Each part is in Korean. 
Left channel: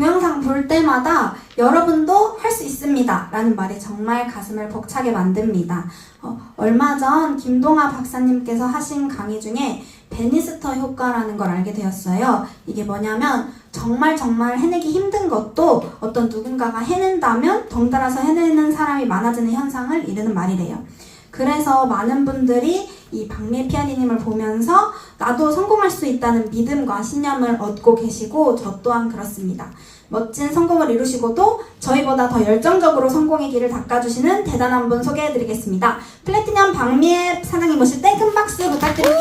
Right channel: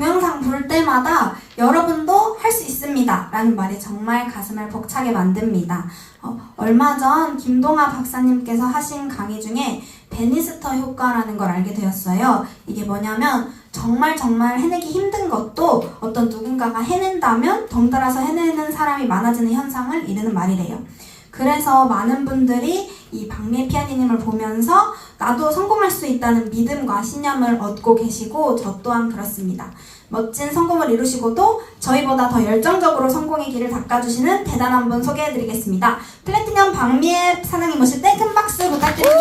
동영상 볼 때마다 여러분도 할 수 있습니다 라는 말이 정말 가슴을 벅차게 만듭니다. 얼마 전 김동아 박사님께서 하신 강의 중에 베니스터 효과라는 걸 알게 되었어요. 이게 뭐냐면 정말 해내기 힘든 것도 어떤 누군가가 해낸다면 덩달아서 해내는 사람이 많아지는 현상을 이르는 말이래요. 그래서 많은 분들이 이 박미애 피아니님을 보면서 나도 성공할 수 있다는 믿음과 신념을 얻고 계시고 저 또한 그렇습니다. 멋진 성공을 이루시고도 저희보다 더 열정적으로 성공의 길을 닦아주시는 대단한 분 소개해드리겠습니다. 플래티넘 박미애 사장님 모실 때 큰 박수 부탁드립니다.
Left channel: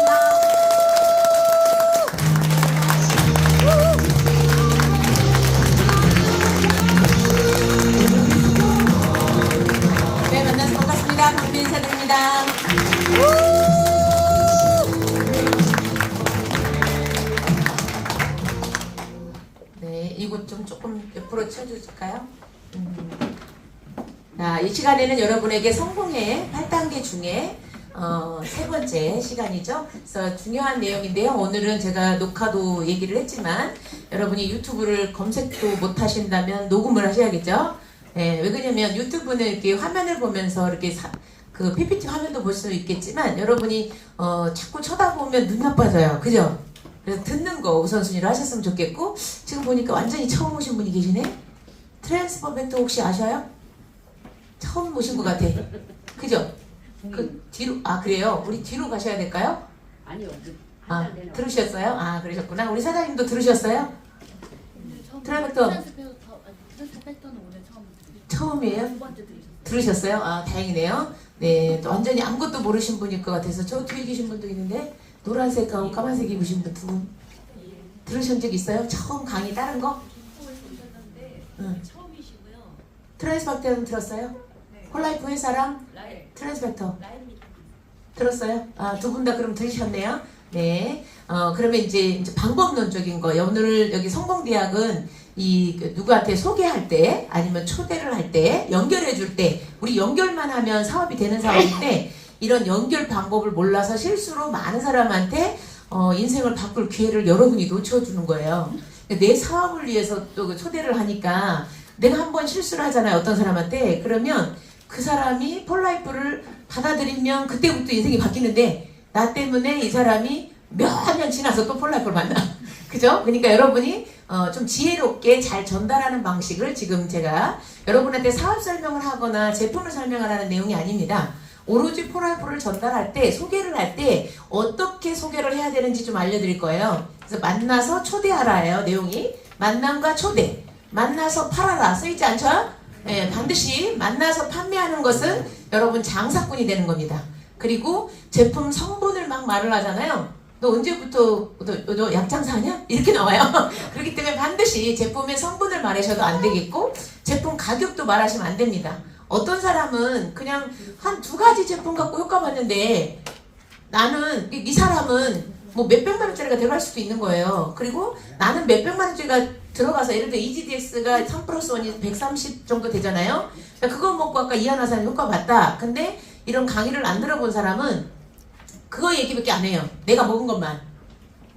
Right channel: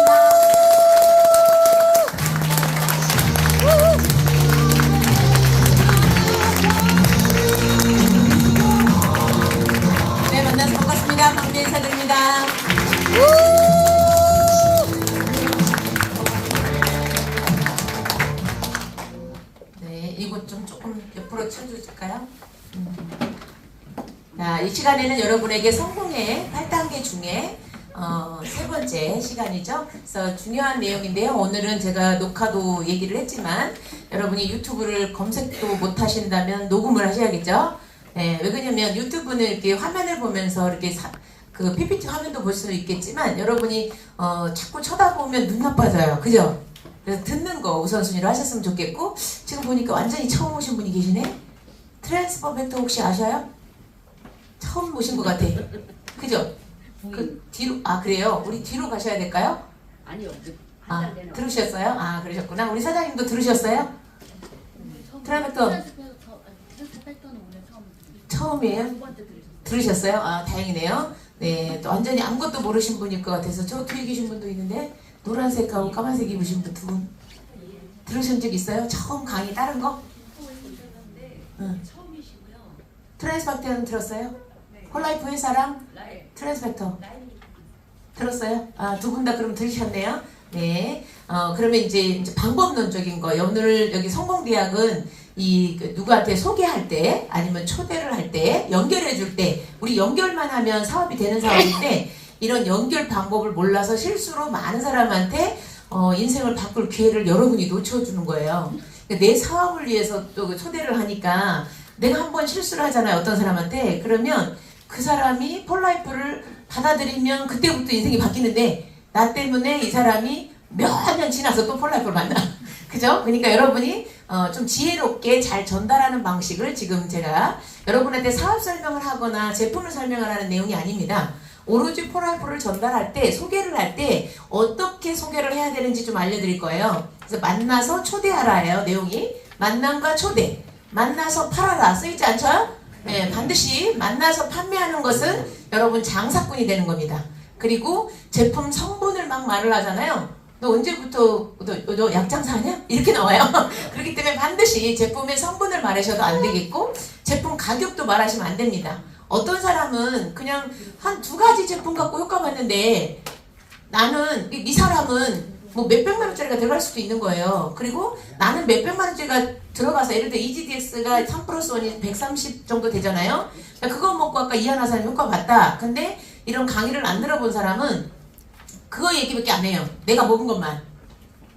네, 만나서 반갑습니다. 박미애 사장입니다. 네, 이곳 좀 조금 옆으로 쳐주실까요? 자, 이 시간에는 여러분에게 성공의 8단계 중에 세 번째 시간이죠. 그래서 중요한 내용인데요. 오늘은 제가 녹화도 얘기를 했지만 여러분이 유튜브를 검색도 못 하신다면 녹음을 하셔야겠죠. 네, 왜 그러냐면 유튜브는 이렇게 화면을 보면서 이렇게 그 PPT 화면도 볼 수 있겠지만 여러분이 자꾸 쳐다보면 눈 나빠져요. 그죠? 그래서 듣는 거 우선순위로 하셨으면 좋겠고, 지금 보니까 완전히 처음 오신 분이 계시네? 트랜스퍼 벡터 혹시 아셔요? 처음 보신 것 같아. 그죠? 그 뒤로, 그래요? 우리 뒤로 가셔야 될까요? 아니요. 들으셨어요? 그러셨구나. 우리 사장님도 들으셨어요? 트랜스퍼 처음이에요? 들으셨어요? 다행이네요. 네, 또 완전히 아무것도 모르신 분일 것 같아서 저 뒤에 계신 분도 있는데 노란색하고 까만색 입으신 분 두 분 들으신 적 있어요? 처음 강의 다른 거? 응. 트랜스팩터는 들었어요? 홀라이프 회사랑 트랜스팩터 들었어요? 두 분 다 그럼 들으셨네요. 네. 그러면 이제 방법론적인 거. 오늘 여기 성공대학은 누구한테 소개할 때 아니면 초대를 할 때 연결해 줄 때 우리 연결만 하면 사업이 되는 사업인데 이런 연결 방법을 몰라서 실수로 많은 사람한테 인생을 바꿀 기회를 여러분이 놓쳐주는 거예요. 내 사업을 위해서 또 초대를 하니까 내가 한번 실수를 하잖아요. 어떤 사람한테. 그러면 그 사람이 폴라이프를 받아들이면 그때부터 인생이 바뀌는데 나 때문에 이 사람이 몇 년 지나서 또 폴라이프를 만나. 그죠? 그러니까 여러분이 좀 지혜롭게 잘 전달하는 방식을 지금 제가 여러분한테 사업 설명을 하거나 제품을 설명을 하는 내용이 아닙니다. 오로지 폴라이프를 전달할 때, 소개를 할 때 어떻게 소개를 해야 되는지 좀 알려드릴 거예요. 그래서 만나서 초대하라예요. 내용이 만남과 초대, 만나서 팔아라 쓰이지 않죠? 네, 반드시 만나서 판매하는 것은 여러분 장사꾼이 되는 겁니다. 그리고 제품 성분을 막 말을 하잖아요. 너 언제부터 너 약장사냐? 이렇게 나와요. 그렇기 때문에 반드시 제품의 성분을 말하셔도 안 되겠고 제품 가격도 말하시면 안 됩니다. 어떤 사람은 그냥 한 두 가지 제품 갖고 효과 봤는데 나는 이 사람은 뭐 몇백만 원짜리가 들어갈 수도 있는 거예요. 그리고 나는 몇백만 원짜리가 들어가서 예를 들어 EGDS가 3 플러스 1이 130 정도 되잖아요. 그거 먹고 아까 이하나 사람 효과 봤다. 근데 이런 강의를 안 들어본 사람은 그거 얘기밖에 안 해요. 내가 먹은 것만.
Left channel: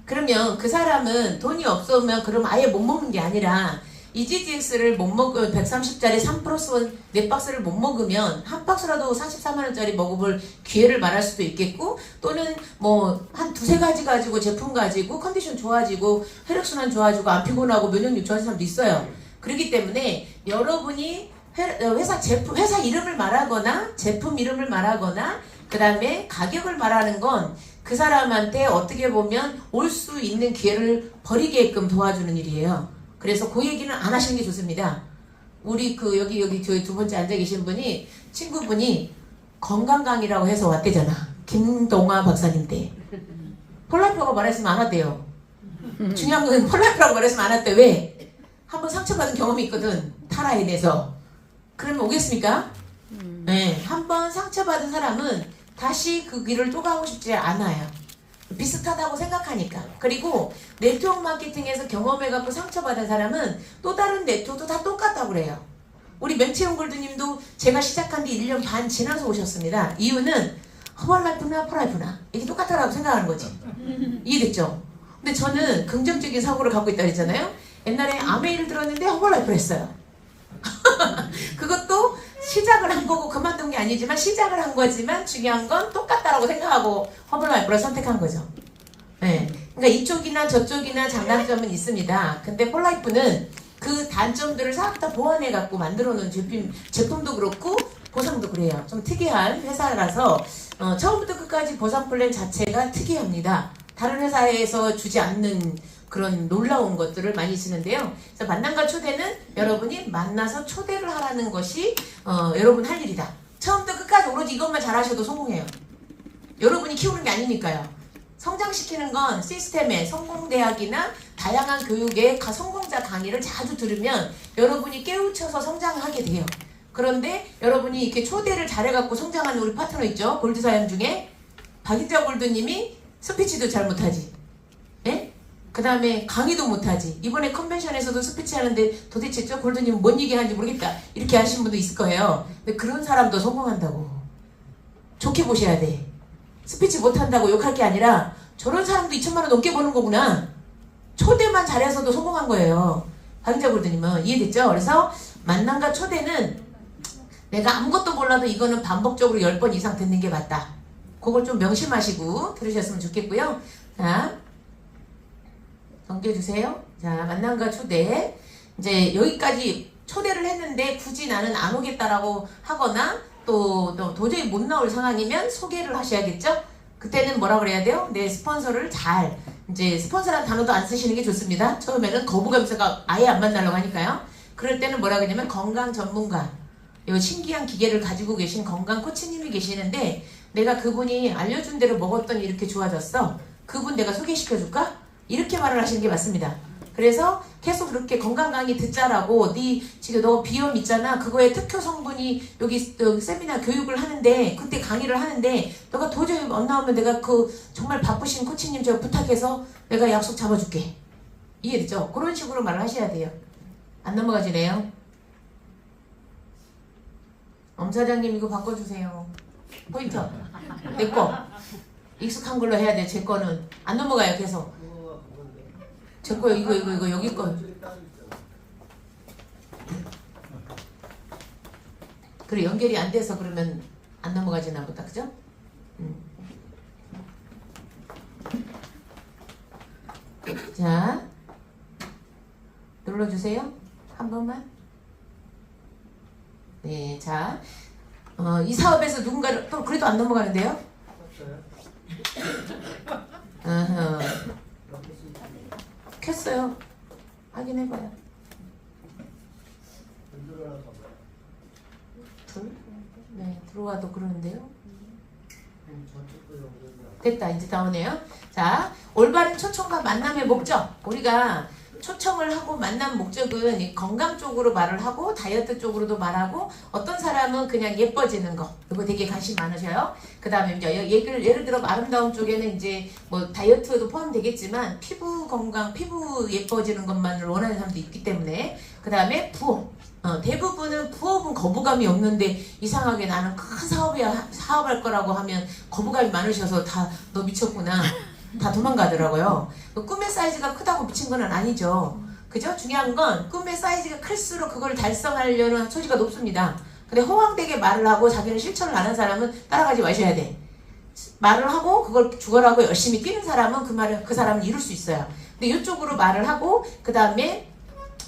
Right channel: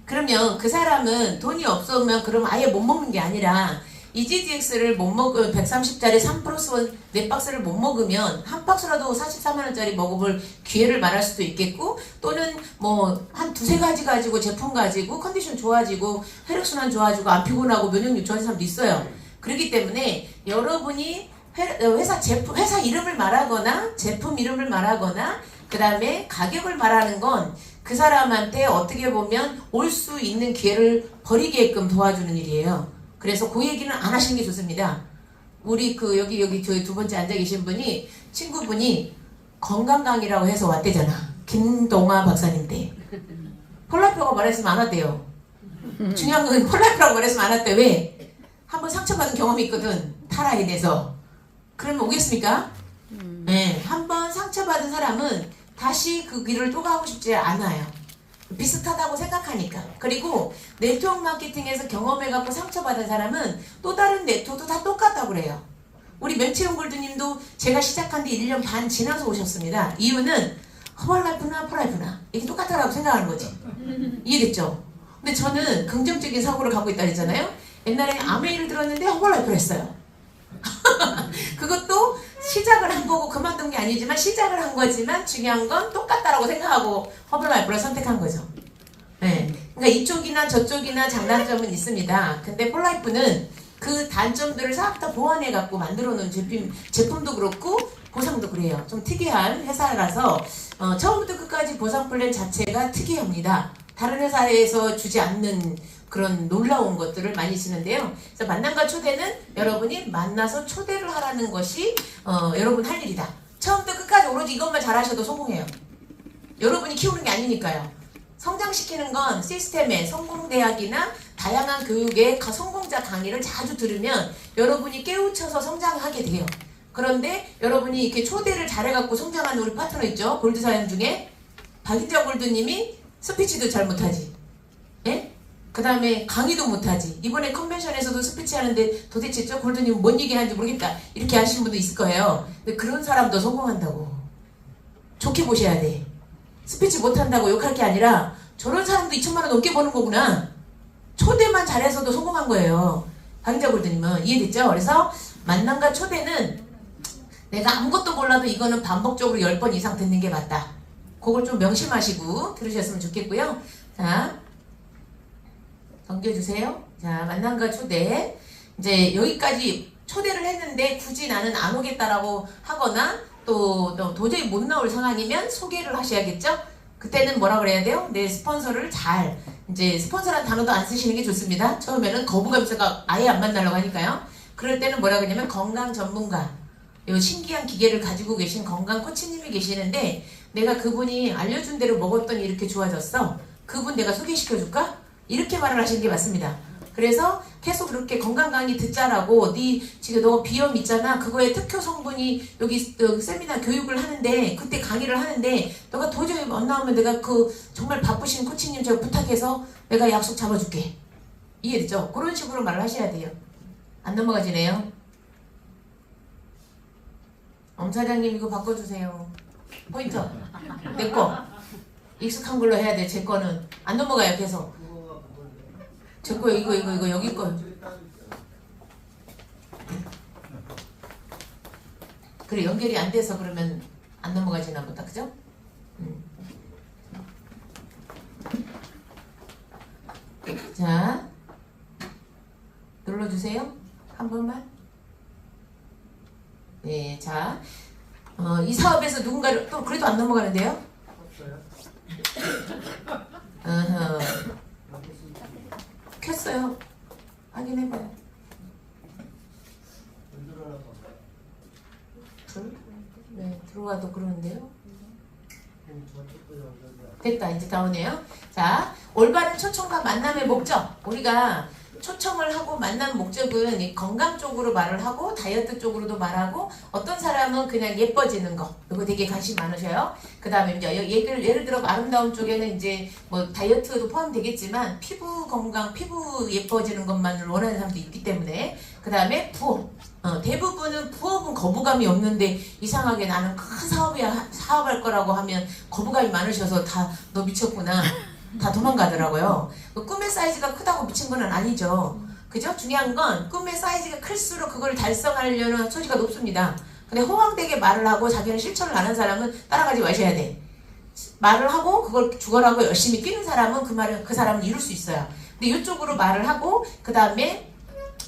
그러면 그 사람은 돈이 없으면 그럼 아예 못 먹는 게 아니라 EGDX를 못 먹으면 130짜리 3 플러스 1 4박스를 못 먹으면 한 박스라도 44만원짜리 먹어볼 기회를 말할 수도 있겠고 또는 뭐 한 두세 가지 가지고 제품 가지고 컨디션 좋아지고 혈액순환 좋아지고 안 피곤하고 면역력 좋아지는 사람도 있어요. 그렇기 때문에 여러분이 회사 이름을 말하거나 제품 이름을 말하거나 그 다음에 가격을 말하는 건 그 사람한테 어떻게 보면 올 수 있는 기회를 버리게끔 도와주는 일이에요. 그래서 그 얘기는 안 하시는 게 좋습니다. 우리 여기 저희 두 번째 앉아 계신 분이 친구분이 건강 강의라고 해서 왔대잖아. 김동아 박사님 때. 폴라이프라고 말했으면 안 왔대요. 중요한 건 폴라이프라고 말했으면 안 왔대. 왜? 한번 상처받은 경험이 있거든. 타라에 대해서. 그러면 오겠습니까? 네. 한번 상처받은 사람은 다시 그 길을 또 가고 싶지 않아요. 비슷하다고 생각하니까. 그리고 네트워크 마케팅에서 경험해갖고 상처받은 사람은 또 다른 네트워크도 다 똑같다고 그래요. 우리 맹채용 골드님도 제가 시작한 지 1년 반 지나서 오셨습니다. 이유는 폴라이프나 폴라이프나 이게 똑같다고 생각하는 거지. 이해됐죠? 근데 저는 긍정적인 사고를 갖고 있다 그랬잖아요. 옛날에 아메이를 들었는데 허벌라이프를 했어요. 그것도 시작을 한 거고 그만둔 게 아니지만 시작을 한 거지만 중요한 건 똑같다라고 생각하고 허벌라이프를 선택한 거죠. 네. 그러니까 이쪽이나 저쪽이나 장단점은 있습니다. 근데 폴라이프는 그 단점들을 싹 다 보완해 갖고 만들어 놓은 제품도 그렇고 보상도 그래요. 좀 특이한 회사라서 처음부터 끝까지 보상 플랜 자체가 특이합니다. 다른 회사에서 주지 않는 그런 놀라운 것들을 많이 쓰는데요. 그래서 만남과 초대는 여러분이 만나서 초대를 하라는 것이 여러분 할 일이다. 처음부터 끝까지 오로지 이것만 잘하셔도 성공해요. 여러분이 키우는 게 아니니까요. 성장시키는 건 시스템의 성공대학이나 다양한 교육의 성공자 강의를 자주 들으면 여러분이 깨우쳐서 성장하게 돼요. 그런데 여러분이 이렇게 초대를 잘해갖고 성장하는 우리 파트너 있죠? 골드사연 중에 박인자 골드님이 스피치도 잘 못하지. 예? 그 다음에 강의도 못하지. 이번에 컨벤션에서도 스피치 하는데 도대체 저 골드님 뭔 얘기 하는지 모르겠다. 이렇게 하시는 분도 있을 거예요. 근데 그런 사람도 성공한다고. 좋게 보셔야 돼. 스피치 못한다고 욕할 게 아니라 저런 사람도 2천만 원 넘게 버는 거구나. 초대만 잘해서도 성공한 거예요. 박인자 골드님은. 이해됐죠? 그래서 만남과 초대는 내가 아무것도 몰라도 이거는 반복적으로 10번 이상 듣는 게 맞다. 그걸 좀 명심하시고 들으셨으면 좋겠고요. 자, 넘겨주세요. 자, 만남과 초대. 이제 여기까지 초대를 했는데 굳이 나는 안 오겠다라고 하거나 또 도저히 못 나올 상황이면 소개를 하셔야겠죠? 그때는 뭐라 그래야 돼요? 내 스폰서를 잘, 이제 스폰서라는 단어도 안 쓰시는 게 좋습니다. 처음에는 거부감사가 아예 안 만나려고 하니까요. 그럴 때는 뭐라 그러냐면 건강 전문가, 요 신기한 기계를 가지고 계신 건강 코치님이 계시는데 내가 그분이 알려준 대로 먹었더니 이렇게 좋아졌어. 그분 내가 소개시켜줄까? 이렇게 말을 하시는 게 맞습니다. 그래서 계속 그렇게 건강 강의 듣자라고 지금 너 비염 있잖아. 그거에 특효 성분이 여기 세미나 교육을 하는데 그때 강의를 하는데 너가 도저히 안 나오면 내가 정말 바쁘신 코치님 제가 부탁해서 내가 약속 잡아줄게. 이해되죠? 그런 식으로 말을 하셔야 돼요. 안 넘어가지네요. 엄사장님 이거 바꿔주세요. 포인트. 내 거. 익숙한 걸로 해야 돼. 제 거는. 안 넘어가요. 계속. 제 거 이거 여기 거. 그래 연결이 안 돼서 그러면 안 넘어가지나 보다. 그죠? 자. 눌러주세요. 한 번만. 네, 자, 이 사업에서 누군가를 또 그래도 안 넘어가는데요? 켰어요. 확인해봐요. 네, 들어가도 그러는데요. 됐다, 이제 나오네요. 자, 올바른 초청과 만남의 목적. 우리가 초청을 하고 만난 목적은 건강 쪽으로 말을 하고 다이어트 쪽으로도 말하고 어떤 사람은 그냥 예뻐지는 거 이거 되게 관심 많으셔요. 그 다음에 이제 예를 들어 아름다운 쪽에는 이제 뭐 다이어트도 포함되겠지만 피부 건강, 피부 예뻐지는 것만을 원하는 사람도 있기 때문에 그 다음에 부업. 대부분은 부업은 거부감이 없는데 이상하게 나는 큰 사업할 거라고 하면 거부감이 많으셔서 다 너 미쳤구나. 다 도망가더라고요. 꿈의 사이즈가 크다고 미친 건 아니죠. 그죠? 중요한 건 꿈의 사이즈가 클수록 그걸 달성하려는 소지가 높습니다. 근데 호황되게 말을 하고 자기는 실천을 안 한 사람은 따라가지 마셔야 돼. 말을 하고 그걸 죽어라고 열심히 뛰는 사람은 그 사람은 이룰 수 있어요. 근데 이쪽으로 말을 하고 그 다음에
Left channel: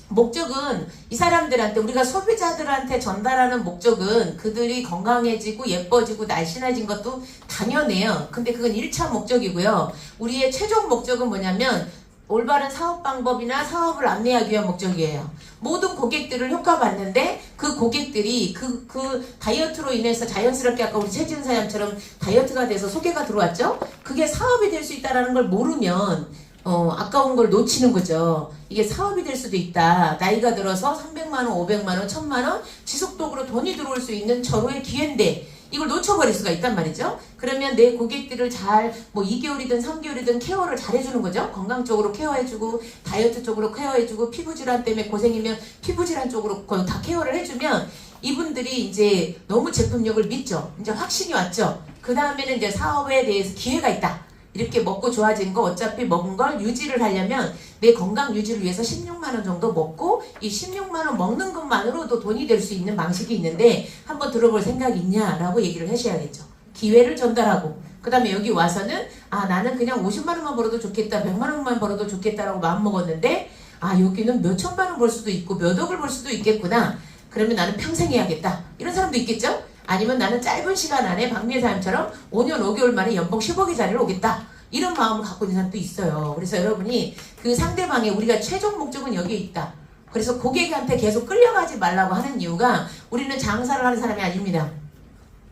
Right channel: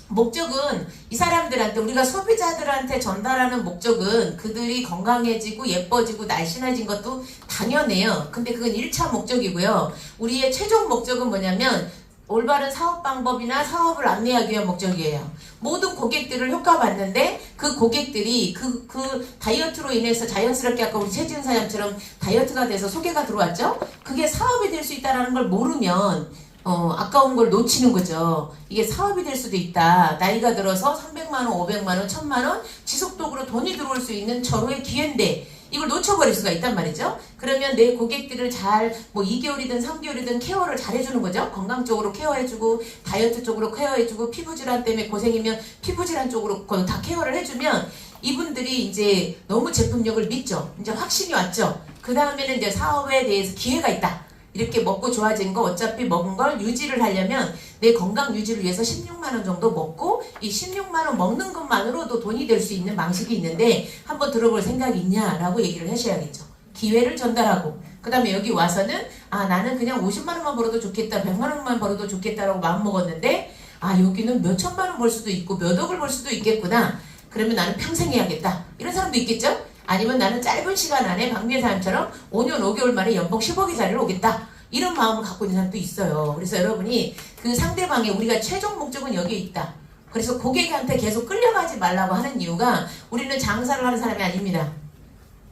목적은 이 사람들한테 우리가 소비자들한테 전달하는 목적은 그들이 건강해지고 예뻐지고 날씬해진 것도 당연해요. 근데 그건 1차 목적이고요. 우리의 최종 목적은 뭐냐면 올바른 사업 방법이나 사업을 안내하기 위한 목적이에요. 모든 고객들을 효과봤는데 그 고객들이 그 다이어트로 인해서 자연스럽게 아까 우리 최지은 사장처럼 다이어트가 돼서 소개가 들어왔죠? 그게 사업이 될 수 있다는 걸 모르면 아까운 걸 놓치는 거죠. 이게 사업이 될 수도 있다. 나이가 들어서 300만원, 500만원, 1000만원 지속적으로 돈이 들어올 수 있는 절호의 기회인데 이걸 놓쳐버릴 수가 있단 말이죠. 그러면 내 고객들을 잘 2개월이든 3개월이든 케어를 잘 해주는 거죠. 건강 쪽으로 케어해주고 다이어트 쪽으로 케어해주고 피부질환 때문에 고생이면 피부질환 쪽으로 다 케어를 해주면 이분들이 이제 너무 제품력을 믿죠. 이제 확신이 왔죠. 그 다음에는 이제 사업에 대해서 기회가 있다. 이렇게 먹고 좋아진 거 어차피 먹은 걸 유지를 하려면 내 건강 유지를 위해서 16만 원 정도 먹고 이 16만 원 먹는 것만으로도 돈이 될 수 있는 방식이 있는데 한번 들어볼 생각이 있냐라고 얘기를 하셔야겠죠. 기회를 전달하고 그 다음에 여기 와서는 나는 그냥 50만 원만 벌어도 좋겠다 100만 원만 벌어도 좋겠다라고 마음먹었는데 여기는 몇 천만 원 벌 수도 있고 몇 억을 벌 수도 있겠구나. 그러면 나는 평생 해야겠다. 이런 사람도 있겠죠? 아니면 나는 짧은 시간 안에 박미애 사람처럼 5년 5개월 만에 연봉 10억의 자리를 오겠다. 이런 마음을 갖고 있는 사람도 있어요. 그래서 여러분이 그 상대방의 우리가 최종 목적은 여기에 있다. 그래서 고객한테 계속 끌려가지 말라고 하는 이유가 우리는 장사를 하는 사람이 아닙니다.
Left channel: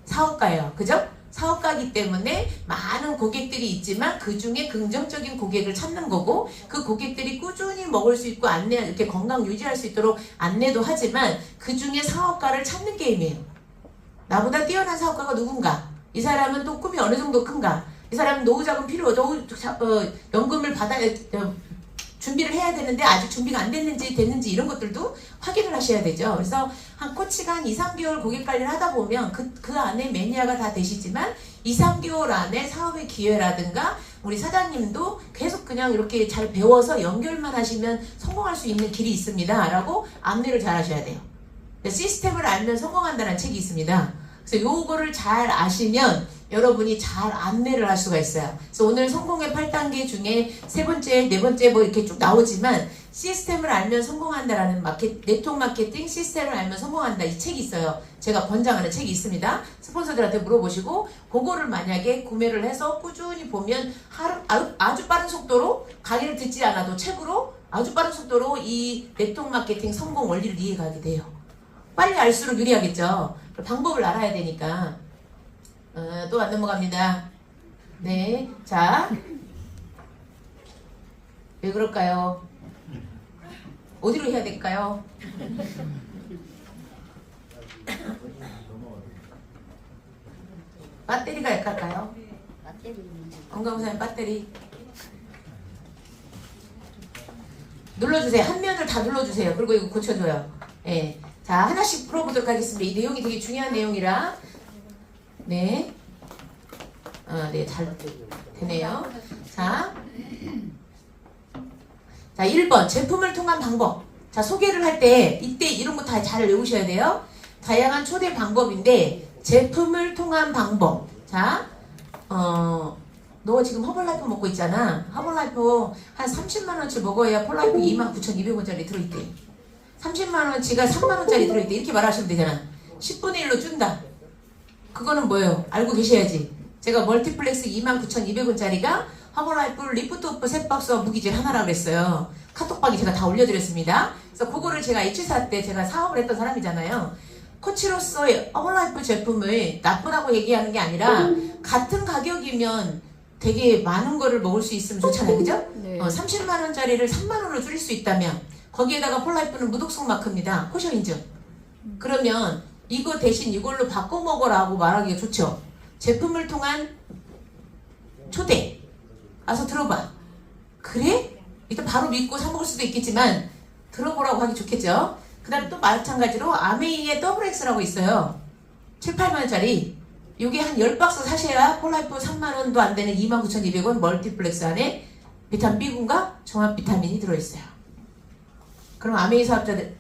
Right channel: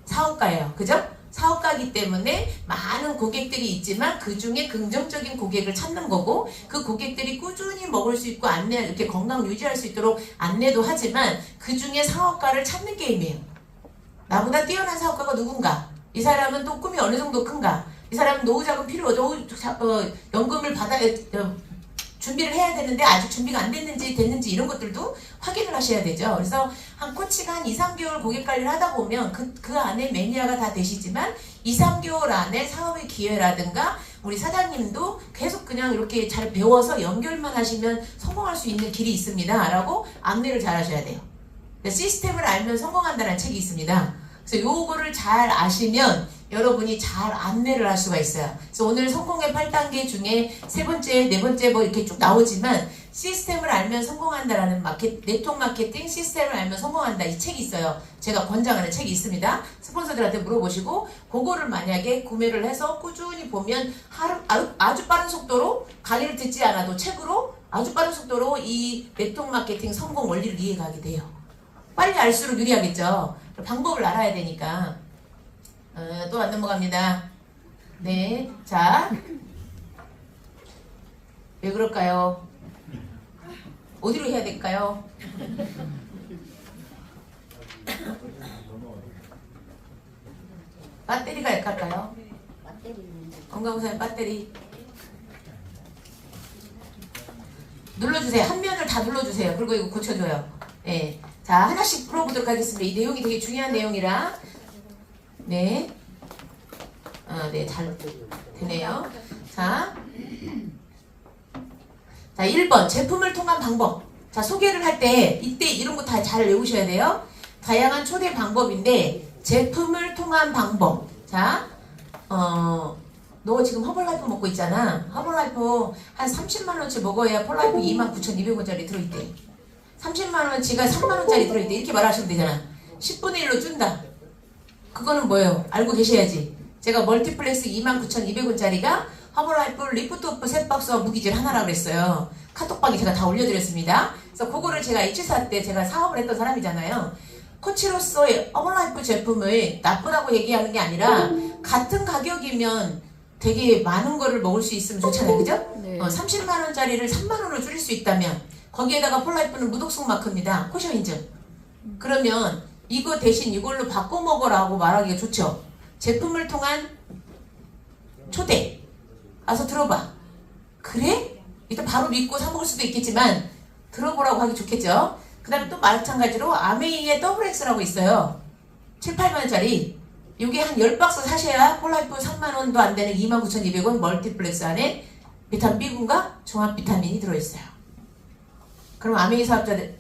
사업가예요. 그죠? 사업가이기 때문에 많은 고객들이 있지만 그 중에 긍정적인 고객을 찾는 거고 그 고객들이 꾸준히 먹을 수 있고 안내 이렇게 건강 유지할 수 있도록 안내도 하지만 그 중에 사업가를 찾는 게임이에요. 나보다 뛰어난 사업가가 누군가? 이 사람은 또 꿈이 어느 정도 큰가? 이 사람은 노후자금 연금을 준비를 해야 되는데 아직 준비가 안 됐는지 이런 것들도 확인을 하셔야 되죠. 그래서 한 코치가 한 2, 3개월 고객 관리를 하다 보면 그 안에 매니아가 다 되시지만 2, 3개월 안에 사업의 기회라든가 우리 사장님도 계속 그냥 이렇게 잘 배워서 연결만 하시면 성공할 수 있는 길이 있습니다. 라고 안내를 잘 하셔야 돼요. 시스템을 알면 성공한다는 책이 있습니다. 그래서 요거를 잘 아시면 여러분이 잘 안내를 할 수가 있어요. 그래서 오늘 성공의 8단계 중에 세 번째, 네 번째 뭐 이렇게 쭉 나오지만 시스템을 알면 성공한다라는 네트워크 마케팅 시스템을 알면 성공한다 이 책이 있어요. 제가 권장하는 책이 있습니다. 스폰서들한테 물어보시고 그거를 만약에 구매를 해서 꾸준히 보면 아주 빠른 속도로 강의를 듣지 않아도 책으로 아주 빠른 속도로 이 네트워크 마케팅 성공 원리를 이해가게 돼요. 빨리 알수록 유리하겠죠. 방법을 알아야 되니까. 또 안 넘어갑니다. 네, 자, 왜 그럴까요? 어디로 해야 될까요? 배터리가 약할까요? 건강부사님 배터리 눌러주세요. 한 면을 다 눌러주세요. 그리고 이거 고쳐줘요. 네. 자, 하나씩 풀어보도록 하겠습니다. 이 내용이 되게 중요한 내용이라. 네. 네, 잘 되네요. 자, 1번. 제품을 통한 방법. 자, 소개를 할 때, 이때 이런 거 다 잘 외우셔야 돼요. 다양한 초대 방법인데, 제품을 통한 방법. 자, 너 지금 허벌라이프 먹고 있잖아. 허벌라이프 한 30만원치 먹어야 폴라이프 29,200원짜리 들어있대. 30만원치가 3만원짜리 들어있대. 이렇게 말하시면 되잖아. 10분의 1로 준다. 그거는 뭐예요? 알고 계셔야지. 제가 멀티플렉스 29,200원짜리가 허벌라이프 리프트 오프 셋박스와 무기질 하나라고 그랬어요. 카톡방에 제가 다 올려드렸습니다. 그래서 그거를 제가 H4 때 제가 사업을 했던 사람이잖아요. 코치로서 허벌라이프 제품을 나쁘다고 얘기하는 게 아니라 같은 가격이면 되게 많은 거를 먹을 수 있으면 좋잖아요. 그죠? 네. 30만원짜리를 3만원으로 줄일 수 있다면 거기에다가 폴라이프는 무독성 마크입니다. 코셔 인증. 그러면 이거 대신 이걸로 바꿔 먹어라고 말하기가 좋죠. 제품을 통한 초대. 와서 들어봐. 그래? 이거 바로 믿고 사 먹을 수도 있겠지만 들어보라고 하기 좋겠죠. 그 다음에 또 마찬가지로 아메이의 WX라고 있어요. 7, 8만원짜리. 이게 한 10박스 사셔야 폴라이프 3만원도 안 되는 29,200원 멀티플렉스 안에 비타민 B군과 종합 비타민이 들어있어요. 그럼 아메이 사업자들은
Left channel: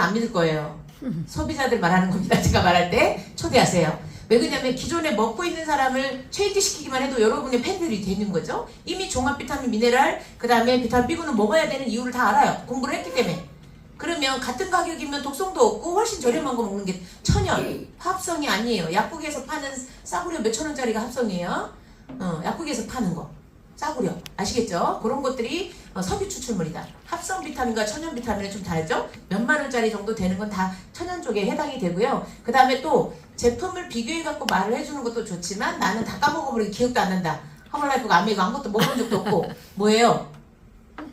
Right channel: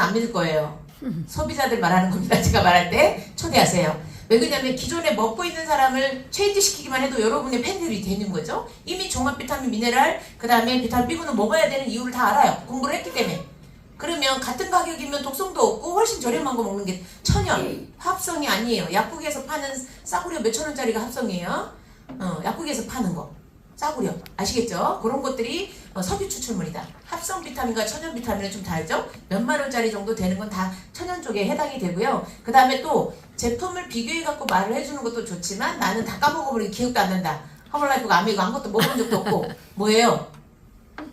안 믿을 거예요. 소비자들 말하는 겁니다. 제가 말할 때 초대하세요. 왜 그러냐면 기존에 먹고 있는 사람을 체인지시키기만 해도 여러분의 팬들이 되는 거죠. 이미 종합 비타민 미네랄 그 다음에 비타민 B군을 먹어야 되는 이유를 다 알아요. 공부를 했기 때문에. 그러면 같은 가격이면 독성도 없고 훨씬 저렴한 거 먹는 게 천연 합성이 아니에요. 약국에서 파는 싸구려 몇천 원짜리가 합성이에요. 약국에서 파는 거 싸구려 아시겠죠? 그런 것들이 석유 추출물이다. 합성 비타민과 천연 비타민은 좀 다르죠? 몇만 원짜리 정도 되는 건 다 천연 쪽에 해당이 되고요. 그 다음에 또 제품을 비교해 갖고 말을 해주는 것도 좋지만 나는 다 까먹어버리고 기억도 안 난다. 허벌라이프가 아메이고 아무것도 먹은 적도 없고 뭐예요?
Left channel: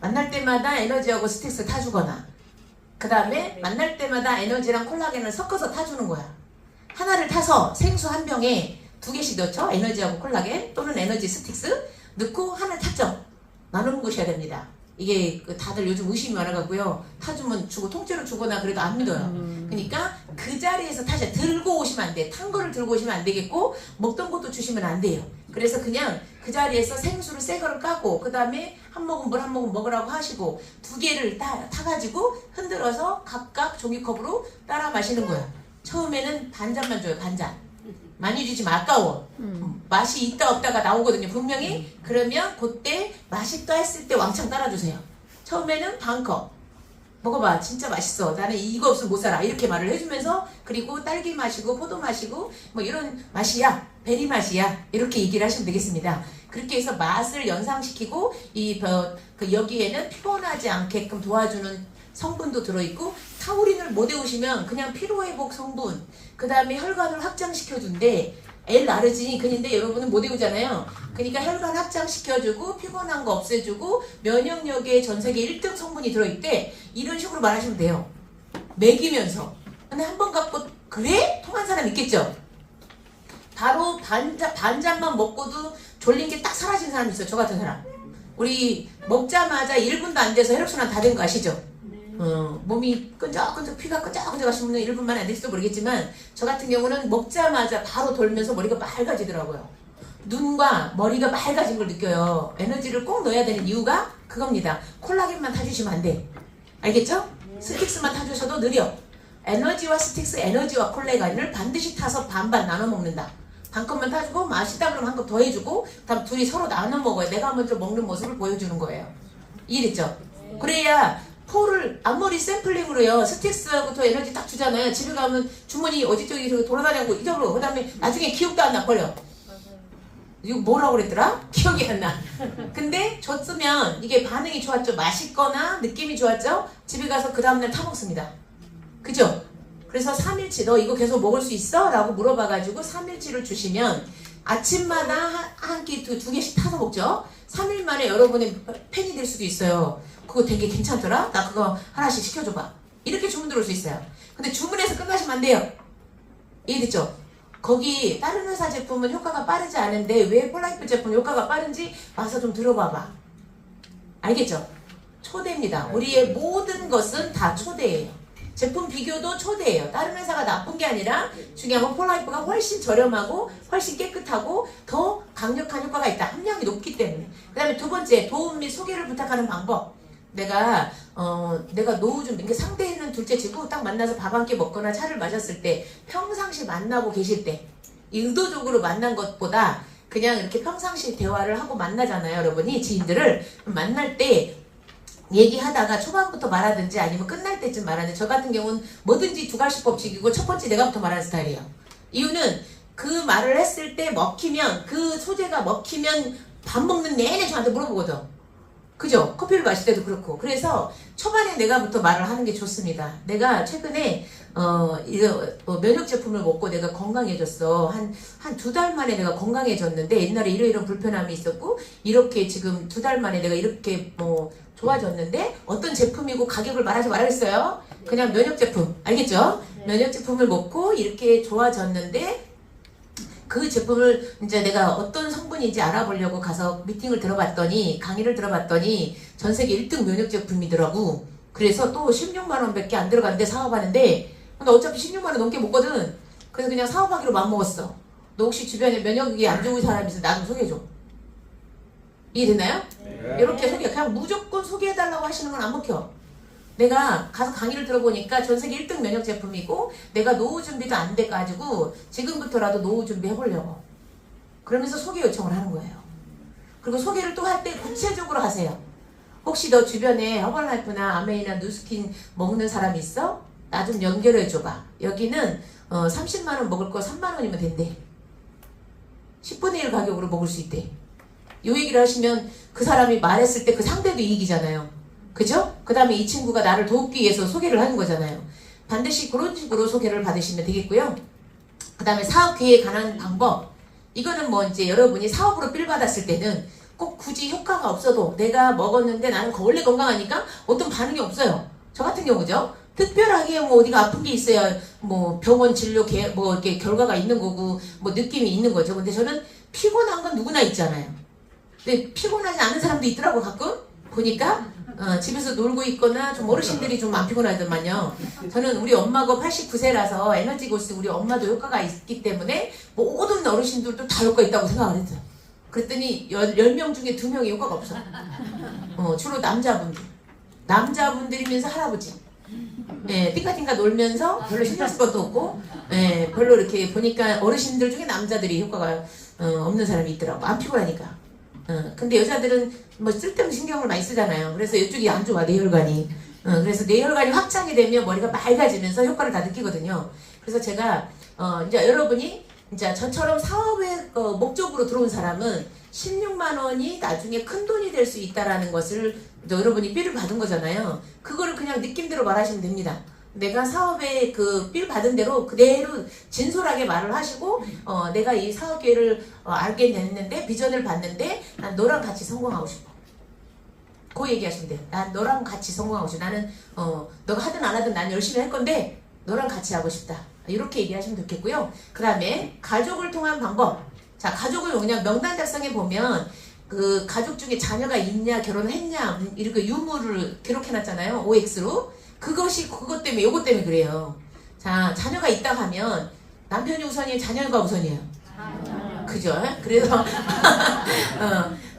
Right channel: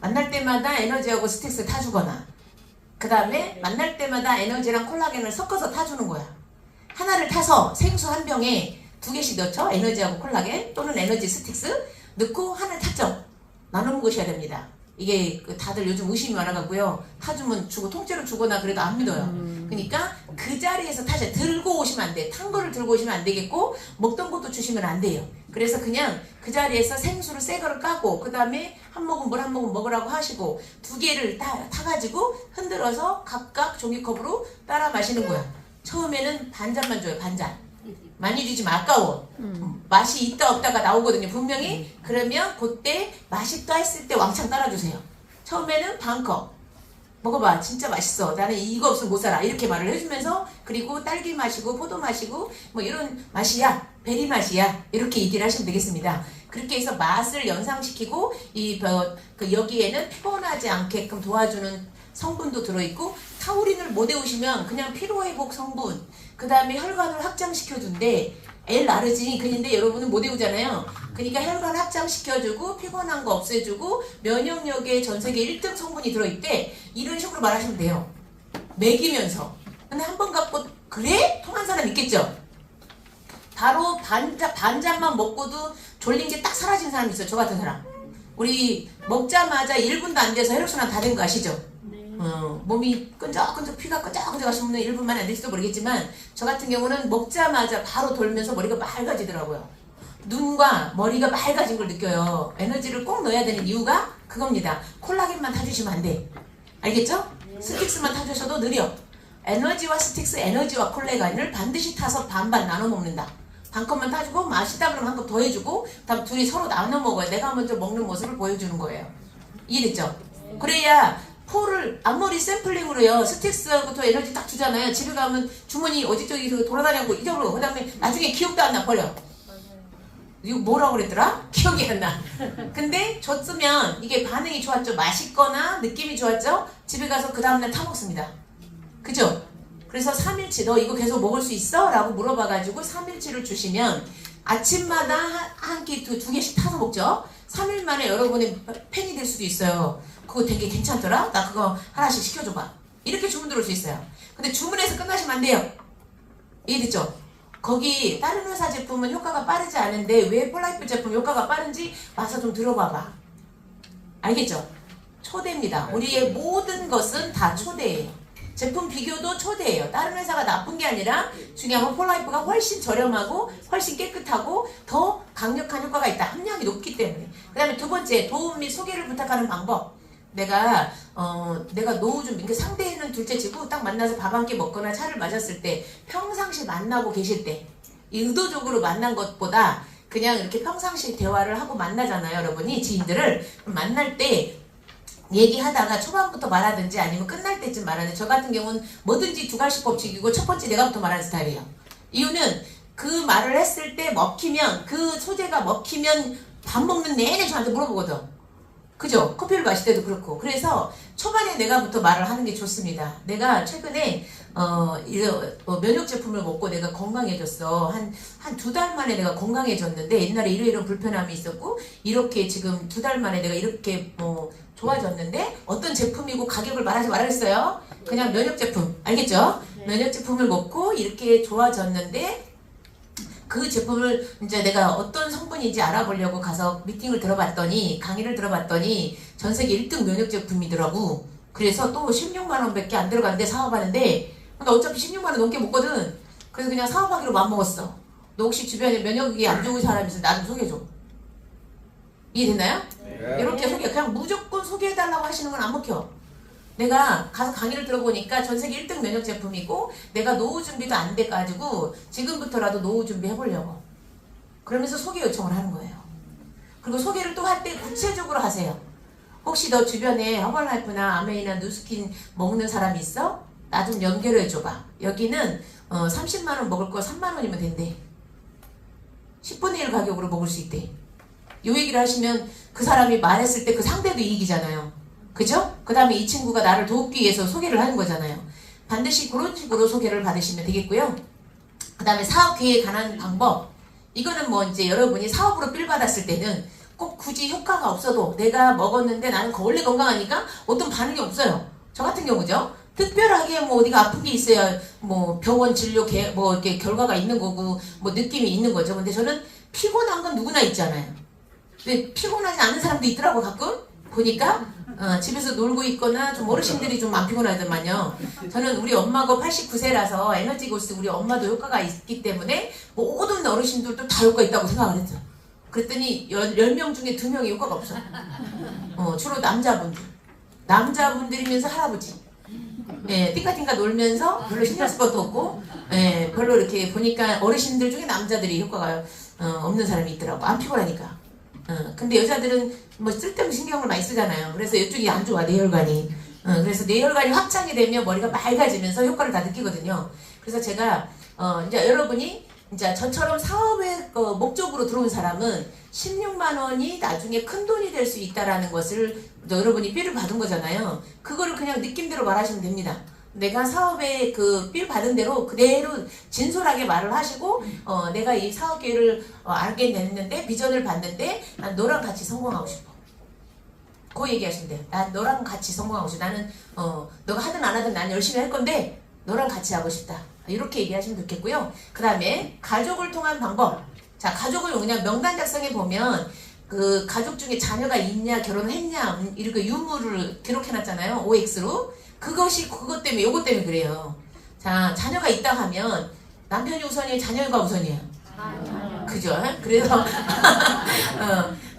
만날 때마다 에너지하고 스틱스 타주거나 그 다음에 만날 때마다 에너지랑 콜라겐을 섞어서 타주는 거야. 하나를 타서 생수 한 병에 2개씩 넣죠. 에너지하고 콜라겐 또는 에너지 스틱스 넣고 하나를 탔죠. 나눠 먹으셔야 됩니다. 이게 다들 요즘 의심이 많아가고요. 타주면 주고 통째로 주거나 그래도 안 믿어요. 그러니까 그 자리에서 타자 들고 오시면 안 돼. 탄 거를 들고 오시면 안 되겠고 먹던 것도 주시면 안 돼요. 그래서 그냥 그 자리에서 생수를 새 거를 까고 그 다음에 한 모금 물 한 모금 먹으라고 하시고 두 개를 타가지고 흔들어서 각각 종이컵으로 따라 마시는 거야. 처음에는 반 잔만 줘요. 반 잔. 많이 주지 마. 아까워. 맛이 있다 없다가 나오거든요. 분명히. 그러면 그때 맛있다 했을 때 왕창 따라주세요. 처음에는 반컵. 먹어봐. 진짜 맛있어. 나는 이거 없으면 못 살아. 이렇게 말을 해주면서 그리고 딸기 마시고 포도 마시고 뭐 이런 맛이야. 베리 맛이야. 이렇게 얘기를 하시면 되겠습니다. 그렇게 해서 맛을 연상시키고 여기에는 피곤하지 않게끔 도와주는 성분도 들어있고 타우린을 못 외우시면 그냥 피로회복 성분 그 다음에 혈관을 확장시켜준대. L-아르지닌 근인데 여러분은 못 외우잖아요. 그러니까 혈관 확장시켜주고 피곤한 거 없애주고 면역력에 전세계 1등 성분이 들어있대. 이런 식으로 말하시면 돼요. 먹이면서. 근데 한 번 갖고 그래? 통한 사람 있겠죠? 바로 반잔만 먹고도 졸린 게 딱 사라진 사람 있어요. 저 같은 사람. 우리 먹자마자 1분도 안 돼서 혈액순환 다 된 거 아시죠? 몸이 끈적끈적 피가 끈적끈적 하신 분은 1분 만에 안 될지도 모르겠지만 저 같은 경우는 먹자마자 바로 돌면서 머리가 맑아지더라고요. 눈과 머리가 맑아진 걸 느껴요. 에너지를 꼭 넣어야 되는 이유가 그겁니다. 콜라겐만 타주시면 안 돼. 알겠죠? 스틱스만 타주셔도 느려. 에너지와 스틱스, 에너지와 콜라겐을 반드시 타서 반반 나눠 먹는다. 반 컵만 타주고 맛있다 그러면 한 컵 더 해주고 다음 둘이 서로 나눠 먹어요. 내가 먼저 먹는 모습을 보여주는 거예요. 이해됐죠? 그래야 포를 앞머리 샘플링으로요. 스틱스부터 에너지 딱 주잖아요. 집에 가면 주머니 어디저기 돌아다니고 잊어버려. 그 다음에 나중에 기억도 안 나. 버려. 이거 뭐라고 그랬더라? 기억이 안 나. 근데 줬으면 이게 반응이 좋았죠. 맛있거나 느낌이 좋았죠. 집에 가서 그 다음날 타먹습니다. 그죠? 그래서 3일치 너 이거 계속 먹을 수 있어? 라고 물어봐가지고 3일치를 주시면 아침마다 한 끼, 두 개씩 타서 먹죠. 3일 만에 여러분의 팬이 될 수도 있어요. 그거 되게 괜찮더라? 나 그거 하나씩 시켜줘봐. 이렇게 주문 들어올 수 있어요. 근데 주문해서 끝나시면 안 돼요. 이해됐죠? 거기 다른 회사 제품은 효과가 빠르지 않은데 왜 폴라이프 제품 효과가 빠른지 와서 좀 들어봐봐. 알겠죠? 초대입니다. 우리의 모든 것은 다 초대예요. 제품 비교도 초대예요. 다른 회사가 나쁜 게 아니라 중요한 건 폴라이프가 훨씬 저렴하고 훨씬 깨끗하고 더 강력한 효과가 있다. 함량이 높기 때문에. 그 다음에 두 번째, 도움 및 소개를 부탁하는 방법. 내가 노후 좀 이렇게 상대는 둘째치고 딱 만나서 밥 한 끼 먹거나 차를 마셨을 때 평상시 만나고 계실 때 의도적으로 만난 것보다 그냥 이렇게 평상시 대화를 하고 만나잖아요. 여러분이 지인들을 만날 때 얘기하다가 초반부터 말하든지 아니면 끝날 때쯤 말하는. 저 같은 경우는 뭐든지 두 가지 법칙이고 첫 번째 내가부터 말하는 스타일이에요. 이유는 그 말을 했을 때 먹히면 그 소재가 먹히면 밥 먹는 내내 저한테 물어보거든. 그죠? 커피를 마실 때도 그렇고. 그래서 초반에 내가부터 말을 하는 게 좋습니다. 내가 최근에 면역 제품을 먹고 내가 건강해졌어. 한 2달 만에 내가 건강해졌는데 옛날에 이런 불편함이 있었고 이렇게 지금 2달 만에 내가 이렇게 좋아졌는데 어떤 제품이고 가격을 말하지 말아야겠어요. 그냥 면역 제품. 알겠죠? 면역 제품을 먹고 이렇게 좋아졌는데 그 제품을 이제 내가 어떤 성분인지 알아보려고 가서 미팅을 들어봤더니 강의를 들어봤더니 전 세계 1등 면역 제품이더라고. 그래서 또 16만 원밖에 안 들어갔는데 사업하는데 나 어차피 16만 원 넘게 먹거든. 그래서 그냥 사업하기로 마음먹었어. 너 혹시 주변에 면역이 안 좋은 사람 있으면 나 좀 소개해줘. 이해됐나요? 네. 이렇게 그냥 무조건 소개해달라고 하시는 건 안 먹혀. 내가 가서 강의를 들어보니까 전 세계 1등 면역 제품이고 내가 노후 준비도 안 돼가지고 지금부터라도 노후 준비 해보려고 그러면서 소개 요청을 하는 거예요. 그리고 소개를 또 할 때 구체적으로 하세요. 혹시 너 주변에 허벌라이프나 아메이나 누스킨 먹는 사람 있어? 나 좀 연결해줘봐. 여기는 30만 원 먹을 거 3만 원이면 된대. 10분의 1 가격으로 먹을 수 있대. 이 얘기를 하시면 그 사람이 말했을 때 그 상대도 이익이잖아요. 그죠? 그 다음에 이 친구가 나를 돕기 위해서 소개를 하는 거잖아요. 반드시 그런 식으로 소개를 받으시면 되겠고요. 그 다음에 사업 기회에 관한 방법. 이거는 뭐 이제 여러분이 사업으로 필 받았을 때는 꼭 굳이 효과가 없어도 내가 먹었는데 나는 원래 건강하니까 어떤 반응이 없어요. 저 같은 경우죠. 특별하게 뭐 어디가 아픈 게 있어야 뭐 병원 진료 뭐 이렇게 결과가 있는 거고 뭐 느낌이 있는 거죠. 근데 저는 피곤한 건 누구나 있잖아요. 근데 피곤하지 않은 사람도 있더라고 가끔. 보니까 집에서 놀고 있거나 좀 어르신들이 좀 안 피곤하더만요. 저는 우리 엄마가 89세라서 에너지 고스 우리 엄마도 효과가 있기 때문에 모든 어르신들도 다 효과 있다고 생각을 했죠. 그랬더니 10명 중에 2명이 효과가 없어. 주로 남자분들이면서 할아버지. 네, 띵가띵가 놀면서 별로 신경 쓸 것도 없고, 네, 별로 이렇게 보니까 어르신들 중에 남자들이 효과가 없는 사람이 있더라고. 안 피곤하니까. 근데 여자들은 뭐 쓸데없는 신경을 많이 쓰잖아요. 그래서 이쪽이 안 좋아, 뇌혈관이. 그래서 뇌혈관이 확장이 되면 머리가 맑아지면서 효과를 다 느끼거든요. 그래서 제가, 이제 여러분이 이제 저처럼 사업의 목적으로 들어온 사람은 16만 원이 나중에 큰 돈이 될 수 있다라는 것을 여러분이 삐를 받은 거잖아요. 그거를 그냥 느낌대로 말하시면 됩니다. 내가 사업에 그 삐를 받은 대로 그대로 진솔하게 말을 하시고 내가 이 사업 기회를 알게 됐는데 비전을 봤는데 난 너랑 같이 성공하고 싶어. 그 얘기하시면 돼요. 난 너랑 같이 성공하고 싶어. 나는 너가 하든 안 하든 난 열심히 할 건데 너랑 같이 하고 싶다. 이렇게 얘기하시면 좋겠고요. 그 다음에 가족을 통한 방법. 자, 가족을 그냥 명단 작성해 보면 그 가족 중에 자녀가 있냐, 결혼했냐, 이렇게 유무를 기록해 놨잖아요. OX로. 그것 때문에, 요것 때문에 그래요. 자, 자녀가 있다 하면 남편이 우선이에요, 자녀가 우선이에요. 그죠? 그래서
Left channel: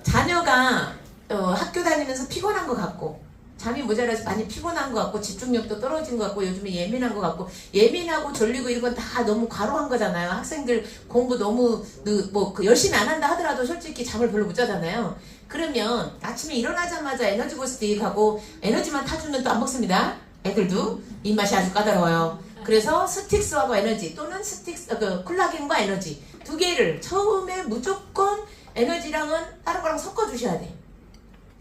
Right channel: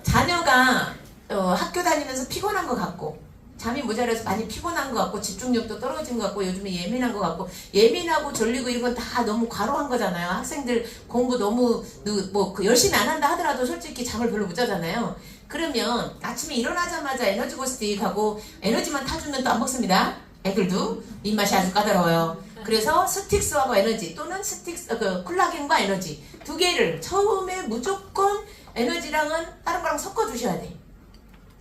자녀가 학교 다니면서 피곤한 것 같고 잠이 모자라서 많이 피곤한 것 같고 집중력도 떨어진 것 같고 요즘에 예민한 것 같고 예민하고 졸리고 이런 건 다 너무 과로한 거잖아요. 학생들 공부 너무 열심히 안 한다 하더라도 솔직히 잠을 별로 못 자잖아요. 그러면 아침에 일어나자마자 에너지 보스틱하고 에너지만 타주면 또 안 먹습니다. 애들도 입맛이 아주 까다로워요. 그래서 스틱스하고 에너지 또는 콜라겐과 에너지 두 개를 처음에 무조건 에너지랑은 다른 거랑 섞어주셔야 돼.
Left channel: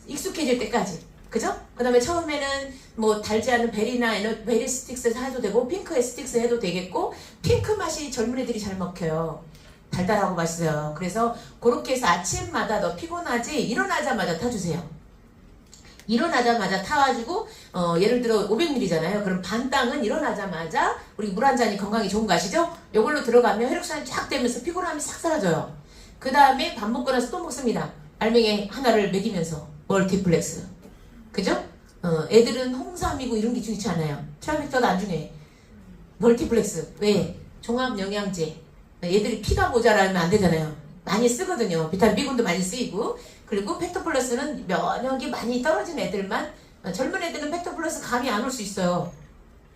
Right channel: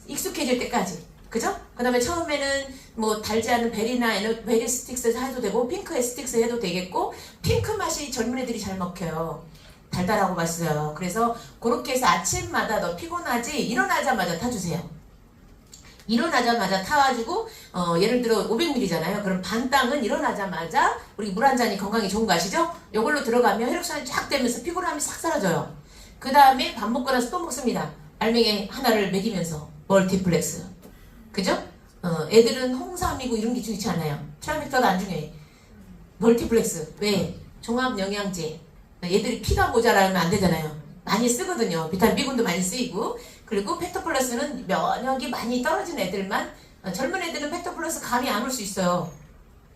익숙해질 때까지. 그죠? 그 다음에 처음에는 뭐 달지 않은 베리나 베리 스틱스 해도 되고 핑크의 스틱스 해도 되겠고 핑크 맛이 젊은 애들이 잘 먹혀요. 달달하고 맛있어요. 그래서 그렇게 해서 아침마다 너 피곤하지? 일어나자마자 타주세요. 일어나자마자 타가지고 예를 들어 500ml잖아요. 그럼 반 땅은 일어나자마자 우리 물 한 잔이 건강에 좋은 거 아시죠? 이걸로 들어가면 혈액순환이 쫙 되면서 피곤함이 싹 사라져요. 그 다음에 밥 먹고 나서 또 먹습니다. 알맹이 하나를 먹이면서 멀티플렉스. 그죠? 애들은 홍삼이고 이런 게 중요치 않아요. 트라미터도 안 중요해. 멀티플렉스. 왜? 종합영양제. 얘들이 피가 모자라면 안 되잖아요. 많이 쓰거든요. 비타민 B군도 많이 쓰이고. 그리고 팩토플러스는 면역이 많이 떨어진 애들만 젊은 애들은 팩토플러스 감이 안 올 수 있어요.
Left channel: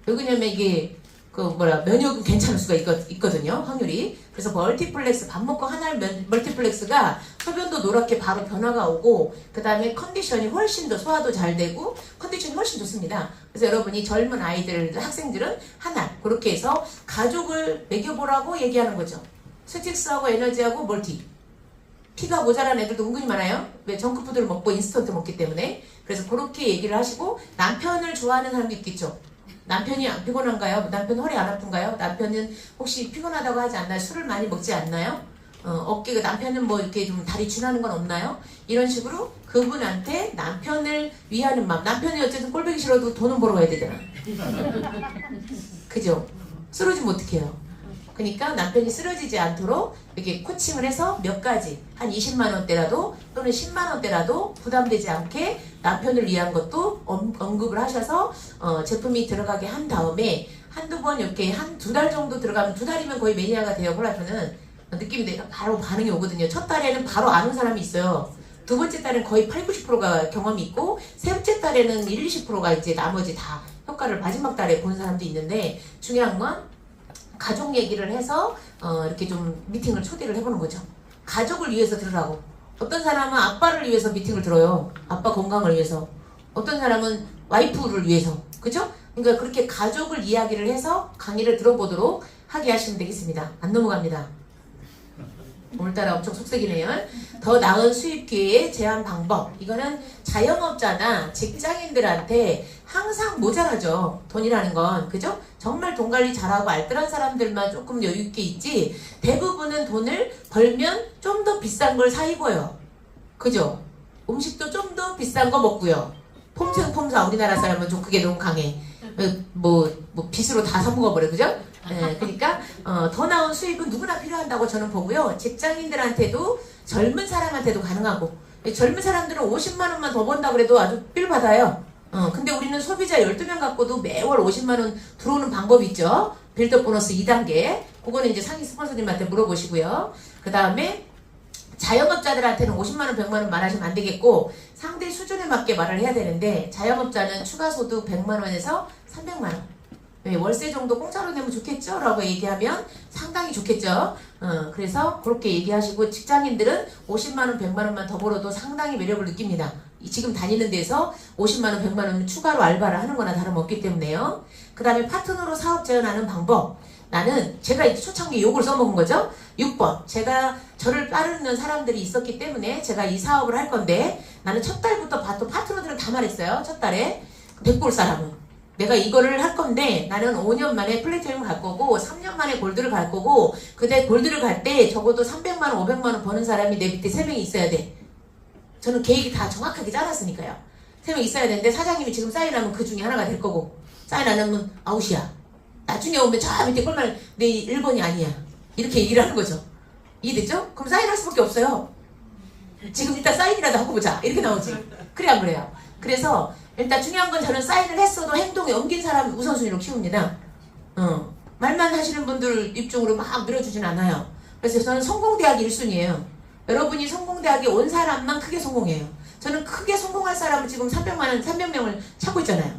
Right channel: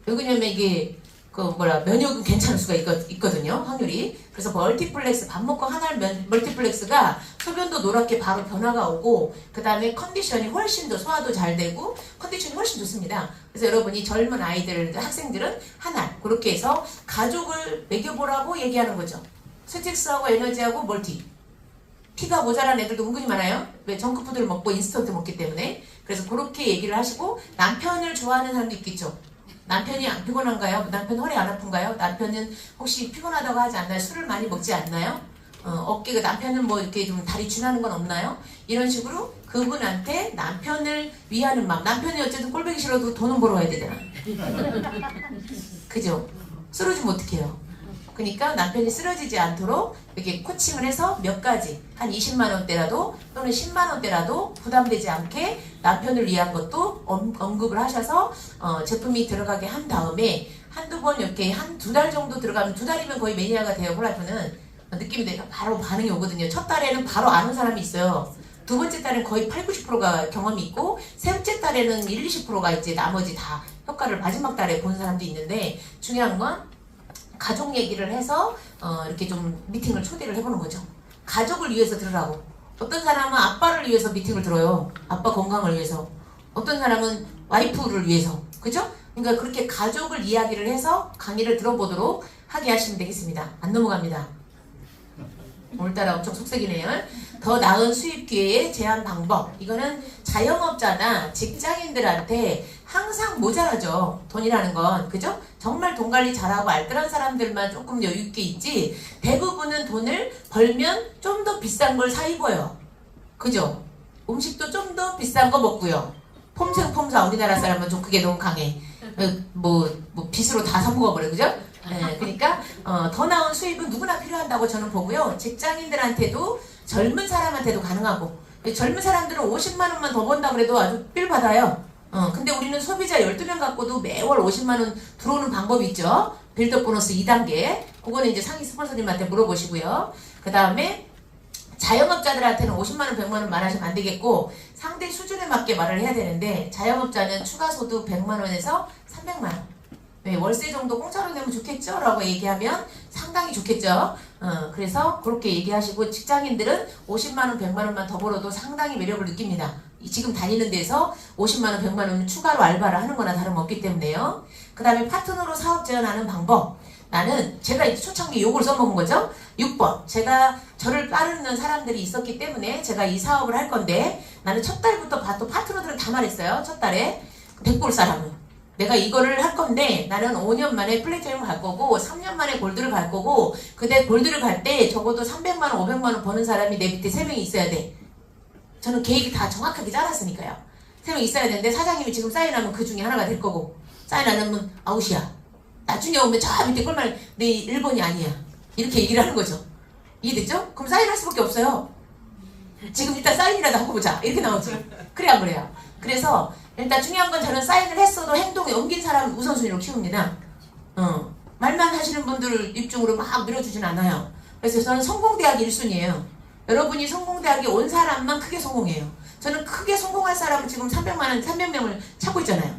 왜 그러냐면 이게 면역은 괜찮을 수가 있거든요. 확률이. 그래서 멀티플렉스 밥 먹고 하나를 멀티플렉스가 소변도 노랗게 바로 변화가 오고 그 다음에 컨디션이 훨씬 더 소화도 잘 되고 컨디션이 훨씬 좋습니다. 그래서 여러분이 젊은 아이들 학생들은 하나 그렇게 해서 가족을 먹여보라고 얘기하는 거죠. 스틱스하고 에너지하고 멀티. 피가 모자란 애들도 은근히 많아요. 왜 정크푸드를 먹고 인스턴트 먹기 때문에. 그래서 그렇게 얘기를 하시고 남편을 좋아하는 사람도 있겠죠. 남편이 안 피곤한가요? 남편 허리 안 아픈가요? 남편은 혹시 피곤하다고 하지 않나요? 술을 많이 먹지 않나요? 어깨가 남편은 뭐 이렇게 좀 다리 지나는 건 없나요? 이런 식으로 그분한테 남편을 위하는 마음. 남편이 어쨌든 꼴보기 싫어도 돈은 벌어 와야 되잖아. 그죠? 쓰러지면 어떡해요? 그러니까 남편이 쓰러지지 않도록 이렇게 코칭을 해서 몇 가지 한 20만 원대라도 또는 10만 원대라도 부담되지 않게 남편을 위한 것도 언급을 하셔서 제품이 들어가게 한 다음에 한두 번 이렇게 한 두 달 정도 들어가면 두 달이면 거의 매니아가 돼요. 콜라겐은 느낌이 돼요. 바로 반응이 오거든요. 첫 달에는 바로 아는 사람이 있어요. 두 번째 달에는 거의 80~90%가 경험이 있고 세 번째 달에는 20~20%가 이제 나머지 다 효과를 마지막 달에 본 사람도 있는데 중요한 건 가족 얘기를 해서 이렇게 좀 미팅을 초대를 해보는 거죠. 가족을 위해서 들으라고. 어떤 사람은 아빠를 위해서 미팅을 들어요. 아빠 건강을 위해서. 어떤 사람은 와이프를 위해서. 그죠? 그러니까 그렇게 가족을 이야기를 해서 강의를 들어보도록 하게 하시면 되겠습니다. 안 넘어갑니다. 오늘따라 엄청 속색이네요. 더 나은 수입 기회의 제한 방법. 이거는 자영업자나 직장인들한테 항상 모자라죠. 돈이라는 건. 그죠? 정말 돈 관리 잘하고 알뜰한 사람들만 조금 여유있게 있지 대부분은 돈을 벌면 좀 더 비싼 걸 사 입어요. 그죠? 음식도 좀 더 비싼 거 먹고요. 폼생폼사 우리나라 사람은 좀 그게 너무 강해. 빚으로 다 사먹어버려. 그죠? 네, 그러니까 더 나은 수입은 누구나 필요한다고 저는 보고요. 직장인들한테도 젊은 사람한테도 가능하고 젊은 사람들은 50만 원만 더 번다 그래도 아주 삘 받아요. 근데 우리는 소비자 12명 갖고도 매월 50만 원 들어오는 방법이 있죠. 빌드업 보너스 2단계. 그거는 이제 상위 스폰서님한테 물어보시고요. 그 다음에 자영업자들한테는 50만 원, 100만 원 말하시면 안 되겠고 상대 수준에 맞게 말을 해야 되는데 자영업자는 추가 소득 100만 원에서 300만 원. 네, 월세 정도 공짜로 내면 좋겠죠? 라고 얘기하면 상당히 좋겠죠? 그래서 그렇게 얘기하시고 직장인들은 50만 원, 100만 원만 더 벌어도 상당히 매력을 느낍니다. 지금 다니는 데서 50만 원, 100만 원 추가로 알바를 하는 거나 다름없기 때문에요. 그 다음에 파트너로 사업 제안하는 방법. 나는 제가 초창기 요걸 써먹은 거죠. 6번. 제가 저를 따르는 사람들이 있었기 때문에 제가 이 사업을 할 건데 나는 첫 달부터 파트너들은 다 말했어요. 첫 달에 백골 사람은. 내가 이거를 할 건데 나는 5년 만에 플래티넘을 갈 거고 3년 만에 골드를 갈 거고 그때 골드를 갈 때 적어도 300만 원, 500만 원 버는 사람이 내 밑에 3명이 있어야 돼. 저는 계획이 다 정확하게 짜놨으니까요. 3명 있어야 되는데 사장님이 지금 사인하면 그 중에 하나가 될 거고 사인 안 하면 아웃이야. 나중에 오면 저 밑에 꼴만 내 1번이 아니야. 이렇게 얘기를 하는 거죠. 이해됐죠? 그럼 사인할 수밖에 없어요. 지금 일단 사인이라도 하고 보자. 이렇게 나오지. 그래 안 그래요? 그래서 일단 중요한 건 저는 사인을 했어도 행동에 옮긴 사람 우선순위로 키웁니다. 말만 하시는 분들 입중으로 막 밀어주진 않아요. 그래서 저는 성공대학 1순위예요. 여러분이 성공대학에 온 사람만 크게 성공해요. 저는 크게 성공할 사람은 지금 300명을 찾고 있잖아요.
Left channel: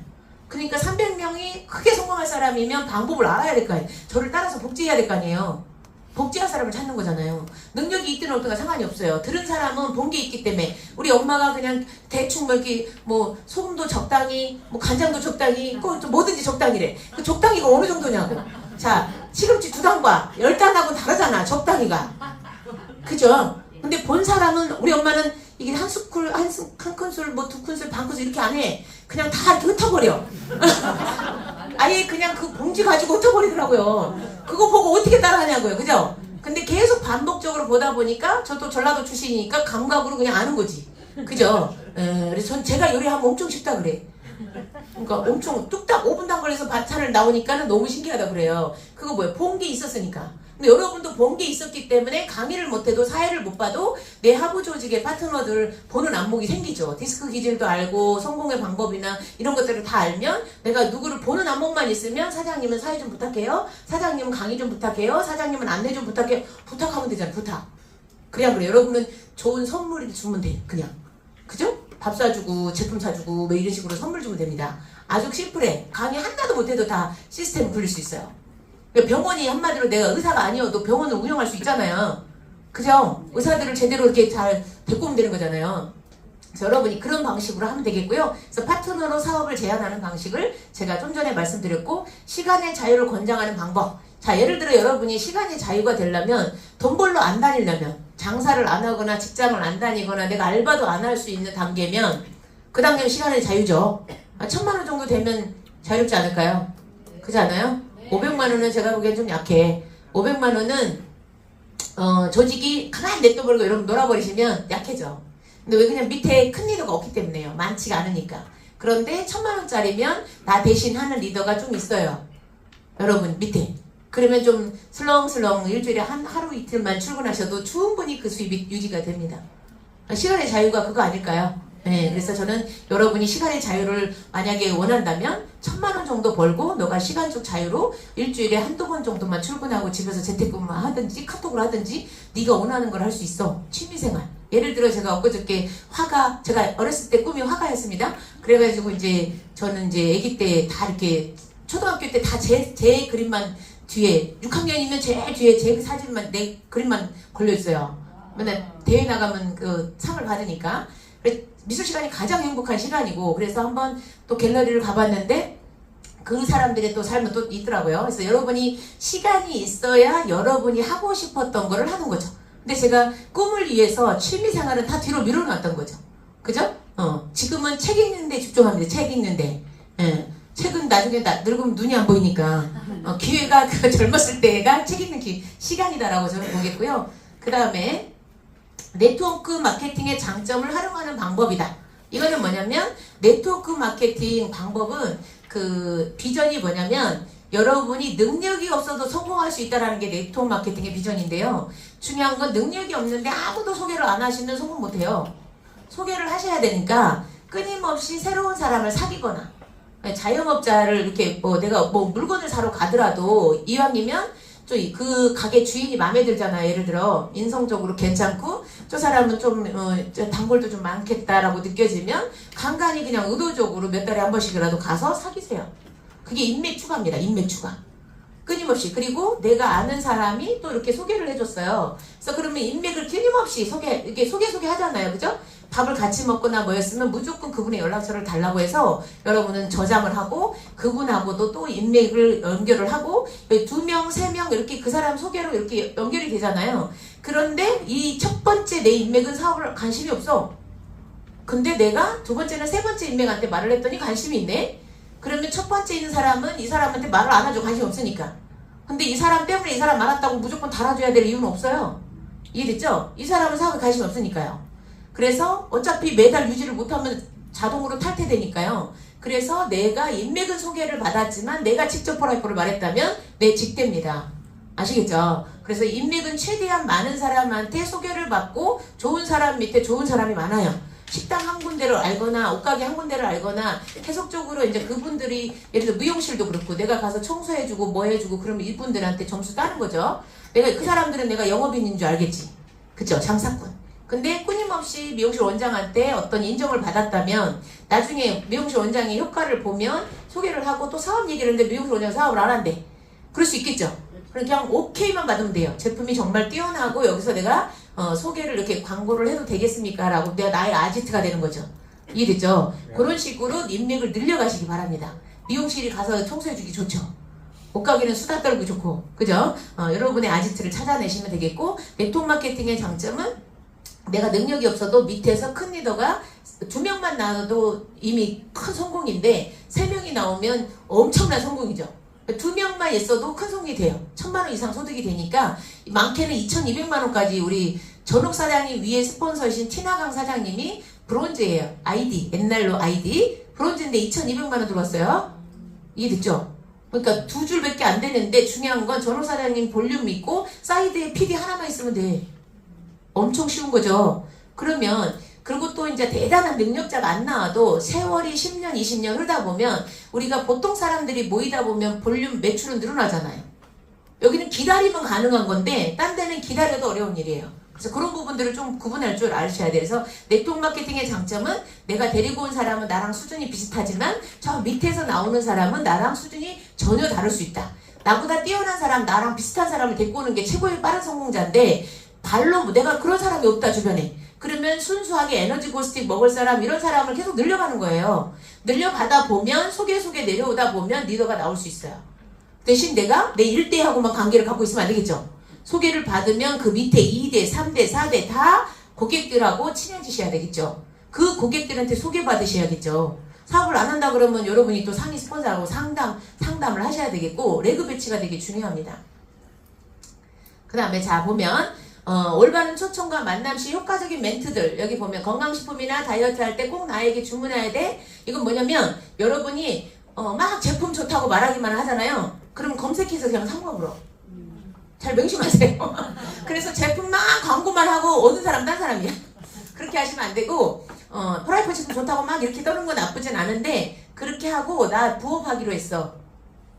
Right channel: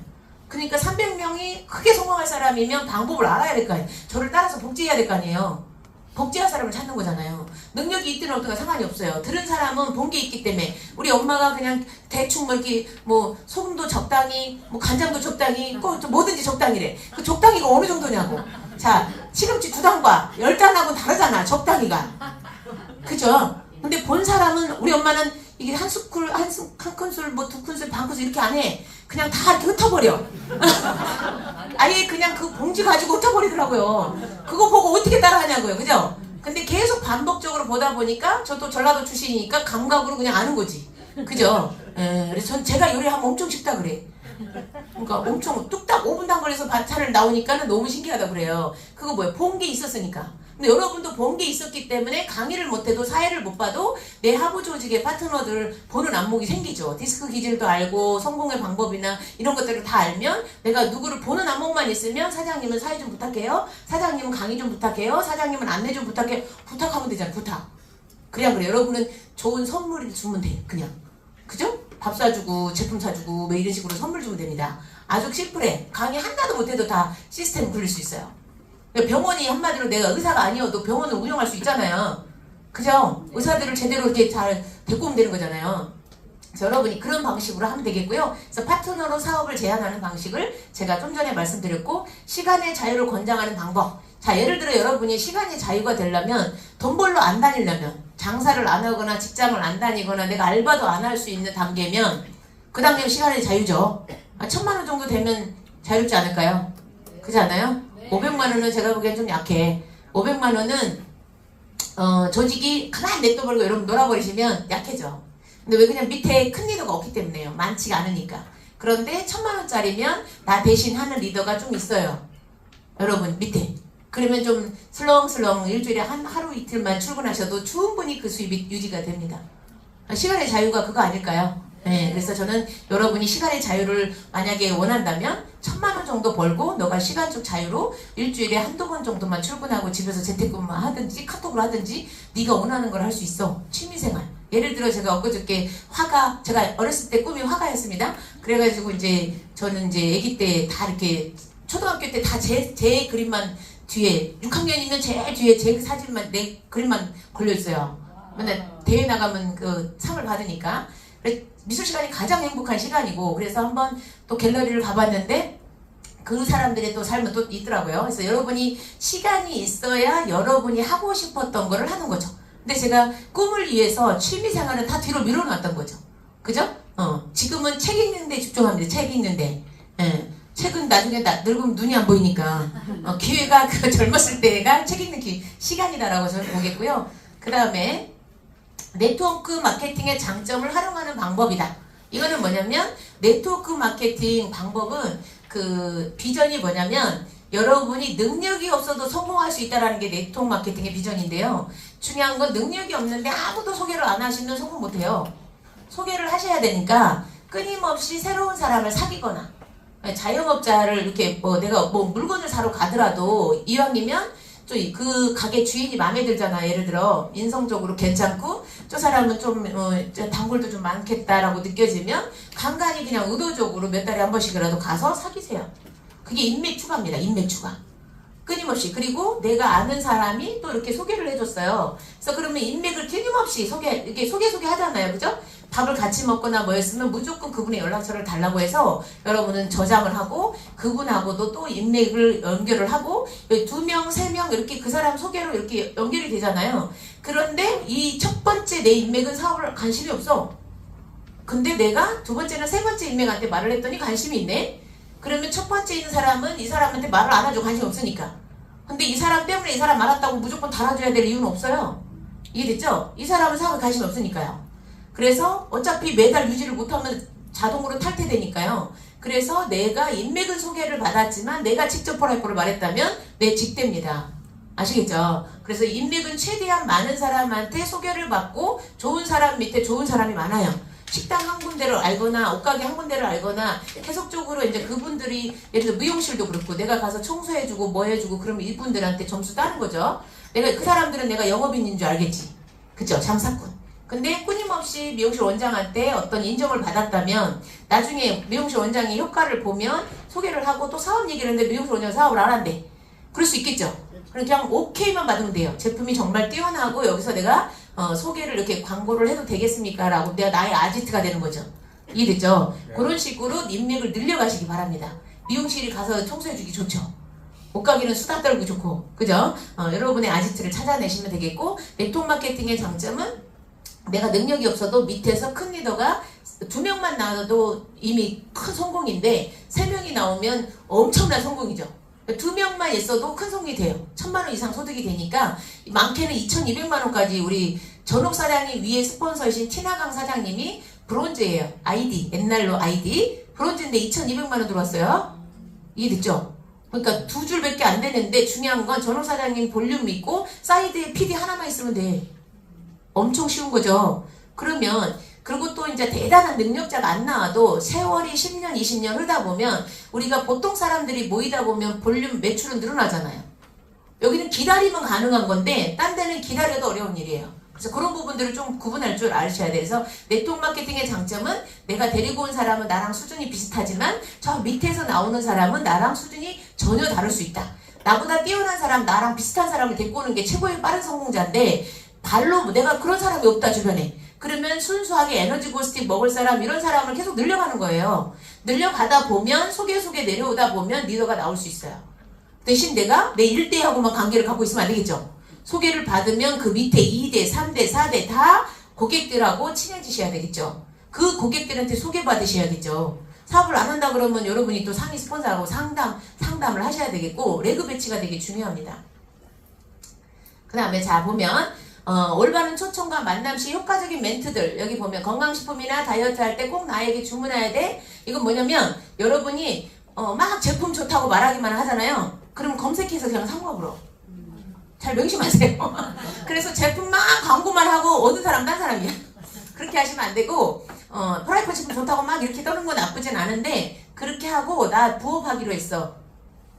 그러니까 300명이 크게 성공할 사람이면 방법을 알아야 될 거 아니에요. 저를 따라서 복제해야 될 거 아니에요. 복제할 사람을 찾는 거잖아요. 능력이 있든 어떻게 상관이 없어요. 들은 사람은 본 게 있기 때문에 우리 엄마가 그냥 대충 뭐 이렇게 뭐 소금도 적당히 뭐 간장도 적당히 뭐든지 적당히래. 그 적당히가 어느 정도냐고. 자, 시금치 2단과 10단하고 다르잖아. 적당히가. 그죠? 근데 본 사람은 우리 엄마는 이게 한 큰술 뭐 2큰술 반큰술 이렇게 안 해. 그냥 다 이렇게 흩어버려. 아예 그냥 그 봉지 가지고 흩어버리더라고요. 그거 보고 어떻게 따라하냐고요. 그죠? 근데 계속 반복적으로 보다 보니까 저도 전라도 출신이니까 감각으로 그냥 아는 거지. 그죠? 그래서 제가 요리하면 엄청 쉽다 그래. 그러니까 엄청 뚝딱 5분도 안 걸려서 반찬을 나오니까는 너무 신기하다 그래요. 그거 뭐예요? 본 게 있었으니까. 근데 여러분도 본 게 있었기 때문에 강의를 못해도 사회를 못 봐도 내 하부 조직의 파트너들을 보는 안목이 생기죠. 디스크 기질도 알고 성공의 방법이나 이런 것들을 다 알면 내가 누구를 보는 안목만 있으면 사장님은 사회 좀 부탁해요. 사장님은 강의 좀 부탁해요. 사장님은 안내 좀 부탁해. 부탁하면 되잖아. 부탁. 그냥 그래. 여러분은 좋은 선물을 주면 돼. 그냥. 그죠? 밥 사주고 제품 사주고 뭐 이런 식으로 선물 주면 됩니다. 아주 심플해. 강의 하나도 못해도 다 시스템 굴릴 수 있어요. 병원이 한마디로 내가 의사가 아니어도 병원을 운영할 수 있잖아요. 그죠? 의사들을 제대로 이렇게 잘 데리고 오면 되는 거잖아요. 그래서 여러분이 그런 방식으로 하면 되겠고요. 그래서 파트너로 사업을 제안하는 방식을 제가 좀 전에 말씀드렸고 시간의 자유를 권장하는 방법. 자, 예를 들어 여러분이 시간의 자유가 되려면 돈 벌러 안 다니려면 장사를 안 하거나 직장을 안 다니거나 내가 알바도 안 할 수 있는 단계면 그 단계는 시간의 자유죠. 1000만 원 정도 되면 자유롭지 않을까요? 그렇지 않아요? 500만 원은 제가 보기엔 좀 약해. 500만 원은 조직이 가만히 냅둬버리고 여러분 놀아버리시면 약해져. 근데 왜 그냥 밑에 큰 리더가 없기 때문에요. 많지가 않으니까. 그런데 1000만 원짜리면 나 대신 하는 리더가 좀 있어요. 여러분 밑에. 그러면 좀 슬렁슬렁 일주일에 하루 이틀만 출근하셔도 충분히 그 수입이 유지가 됩니다. 시간의 자유가 그거 아닐까요? 네, 그래서 저는 여러분이 시간의 자유를 만약에 원한다면 1000만 원 정도 벌고 너가 시간적 자유로 일주일에 한두 번 정도만 출근하고 집에서 재택근무 하든지 카톡을 하든지 네가 원하는 걸 할 수 있어. 취미생활. 예를 들어 제가 엊그저께 화가, 제가 어렸을 때 꿈이 화가였습니다. 그래가지고 이제 저는 이제 아기 때 다 이렇게 초등학교 때 다 제 그림만 뒤에 6학년이면 제일 뒤에 제 사진만 내 그림만 걸려있어요. 맨날 대회 나가면 그 상을 받으니까. 미술 시간이 가장 행복한 시간이고 그래서 한번 또 갤러리를 가봤는데 그 사람들의 또 삶은 또 있더라고요. 그래서 여러분이 시간이 있어야 여러분이 하고 싶었던 거를 하는 거죠. 근데 제가 꿈을 위해서 취미생활은 다 뒤로 밀어놨던 거죠. 그죠? 지금은 책 읽는데 집중합니다. 책 읽는데. 책은 나중에 늙으면 눈이 안 보이니까 기회가 그 젊었을 때가 책 읽는 시간이다라고 저는 보겠고요. 그 다음에 네트워크 마케팅의 장점을 활용하는 방법이다. 이거는 뭐냐면 네트워크 마케팅 방법은 그 비전이 뭐냐면 여러분이 능력이 없어도 성공할 수 있다는 게 네트워크 마케팅의 비전인데요. 중요한 건 능력이 없는데 아무도 소개를 안 하시면 성공 못해요. 소개를 하셔야 되니까 끊임없이 새로운 사람을 사귀거나 자영업자를 이렇게 뭐 내가 뭐 물건을 사러 가더라도 이왕이면 또 그 가게 주인이 마음에 들잖아. 예를 들어 인성적으로 괜찮고 저 사람은 좀 단골도 좀 많겠다라고 느껴지면 간간히 그냥 의도적으로 몇 달에 한 번씩이라도 가서 사귀세요. 그게 인맥 추가입니다. 인맥 추가. 끊임없이. 그리고 내가 아는 사람이 또 이렇게 소개를 해줬어요. 그래서 그러면 인맥을 끊임없이 이렇게 소개 하잖아요. 그죠? 밥을 같이 먹거나 뭐였으면 무조건 그분의 연락처를 달라고 해서 여러분은 저장을 하고 그분하고도 또 인맥을 연결을 하고 2명, 3명 이렇게 그 사람 소개로 이렇게 연결이 되잖아요. 그런데 이 첫 번째 내 인맥은 사업을 관심이 없어. 근데 내가 두 번째는 세 번째 인맥한테 말을 했더니 관심이 있네. 그러면 첫 번째 있는 사람은 이 사람한테 말을 안 하죠. 관심 없으니까. 근데 이 사람 때문에 이 사람 말았다고 무조건 달아줘야 될 이유는 없어요. 이해됐죠? 이 사람은 사업에 관심 없으니까요. 그래서 어차피 매달 유지를 못하면 자동으로 탈퇴되니까요. 그래서 내가 인맥은 소개를 받았지만 내가 직접 포라이프를 말했다면 내 직대입니다. 아시겠죠? 그래서 인맥은 최대한 많은 사람한테 소개를 받고 좋은 사람 밑에 좋은 사람이 많아요. 식당 한 군데를 알거나 옷가게 한 군데를 알거나 계속적으로 이제 그분들이 예를 들어 미용실도 그렇고 내가 가서 청소해주고 뭐 해주고 그러면 이분들한테 점수 따는 거죠. 내가 그 사람들은 내가 영업인인 줄 알겠지. 그쵸? 장사꾼. 근데 끊임없이 미용실 원장한테 어떤 인정을 받았다면 나중에 미용실 원장의 효과를 보면 소개를 하고 또 사업 얘기를 했는데 미용실 원장이 사업을 안 한대. 그럴 수 있겠죠. 그냥 오케이만 받으면 돼요. 제품이 정말 뛰어나고 여기서 내가 소개를 이렇게 광고를 해도 되겠습니까? 라고 내가 나의 아지트가 되는 거죠. 이해됐죠? 그런 식으로 인맥을 늘려가시기 바랍니다. 미용실이 가서 청소해주기 좋죠. 옷가게는 수다 떨고 좋고, 그죠? 여러분의 아지트를 찾아내시면 되겠고, 네트워크 마케팅의 장점은 내가 능력이 없어도 밑에서 큰 리더가 2명만 나와도 이미 큰 성공인데 3명이 나오면 엄청난 성공이죠. 2명만 있어도 큰 성공이 돼요. 1,000만원 이상 소득이 되니까 많게는 2,200만원까지 우리 전옥 사장님 위에 스폰서이신 티나강 사장님이 브론즈예요. 아이디, 옛날로 아이디 브론즈인데 2,200만원 들어왔어요. 이해됐죠? 그러니까 2줄밖에 안 되는데 중요한 건 전옥 사장님 볼륨 있고 사이드에 PD 하나만 있으면 돼. 엄청 쉬운 거죠. 그러면 그리고 또 이제 대단한 능력자가 안 나와도 세월이 10년, 20년 흐르다 보면 우리가 보통 사람들이 모이다 보면 볼륨 매출은 늘어나잖아요. 여기는 기다리면 가능한 건데 딴 데는 기다려도 어려운 일이에요. 그래서 그런 부분들을 좀 구분할 줄 아셔야 돼요. 그래서 네트워크 마케팅의 장점은 내가 데리고 온 사람은 나랑 수준이 비슷하지만 저 밑에서 나오는 사람은 나랑 수준이 전혀 다를 수 있다. 나보다 뛰어난 사람, 나랑 비슷한 사람을 데리고 오는 게 최고의 빠른 성공자인데 발로 내가 그런 사람이 없다 주변에. 그러면 순수하게 에너지 고스틱 먹을 사람 이런 사람을 계속 늘려가는 거예요. 늘려가다 보면 속에 내려오다 보면 리더가 나올 수 있어요. 대신 내가 내 1대하고만 관계를 갖고 있으면 안 되겠죠. 소개를 받으면 그 밑에 2대, 3대, 4대 다 고객들하고 친해지셔야 되겠죠. 그 고객들한테 소개받으셔야겠죠. 사업을 안 한다 그러면 여러분이 또 상위 스폰서하고 상담을 하셔야 되겠고 레그 배치가 되게 중요합니다. 그 다음에 자 보면 올바른 초청과 만남 시 효과적인 멘트들 여기 보면 건강식품이나 다이어트 할 때 꼭 나에게 주문해야 돼. 이건 뭐냐면 여러분이 막 제품 좋다고 말하기만 하잖아요. 그럼 검색해서 그냥 사 먹으러. 잘 명심하세요. 그래서 제품만 광고만 하고 오는 사람 딴 사람이야. 그렇게 하시면 안 되고 프라이팬 제품 좋다고 막 이렇게 떠는 건 나쁘진 않은데 그렇게 하고 나 부업하기로 했어.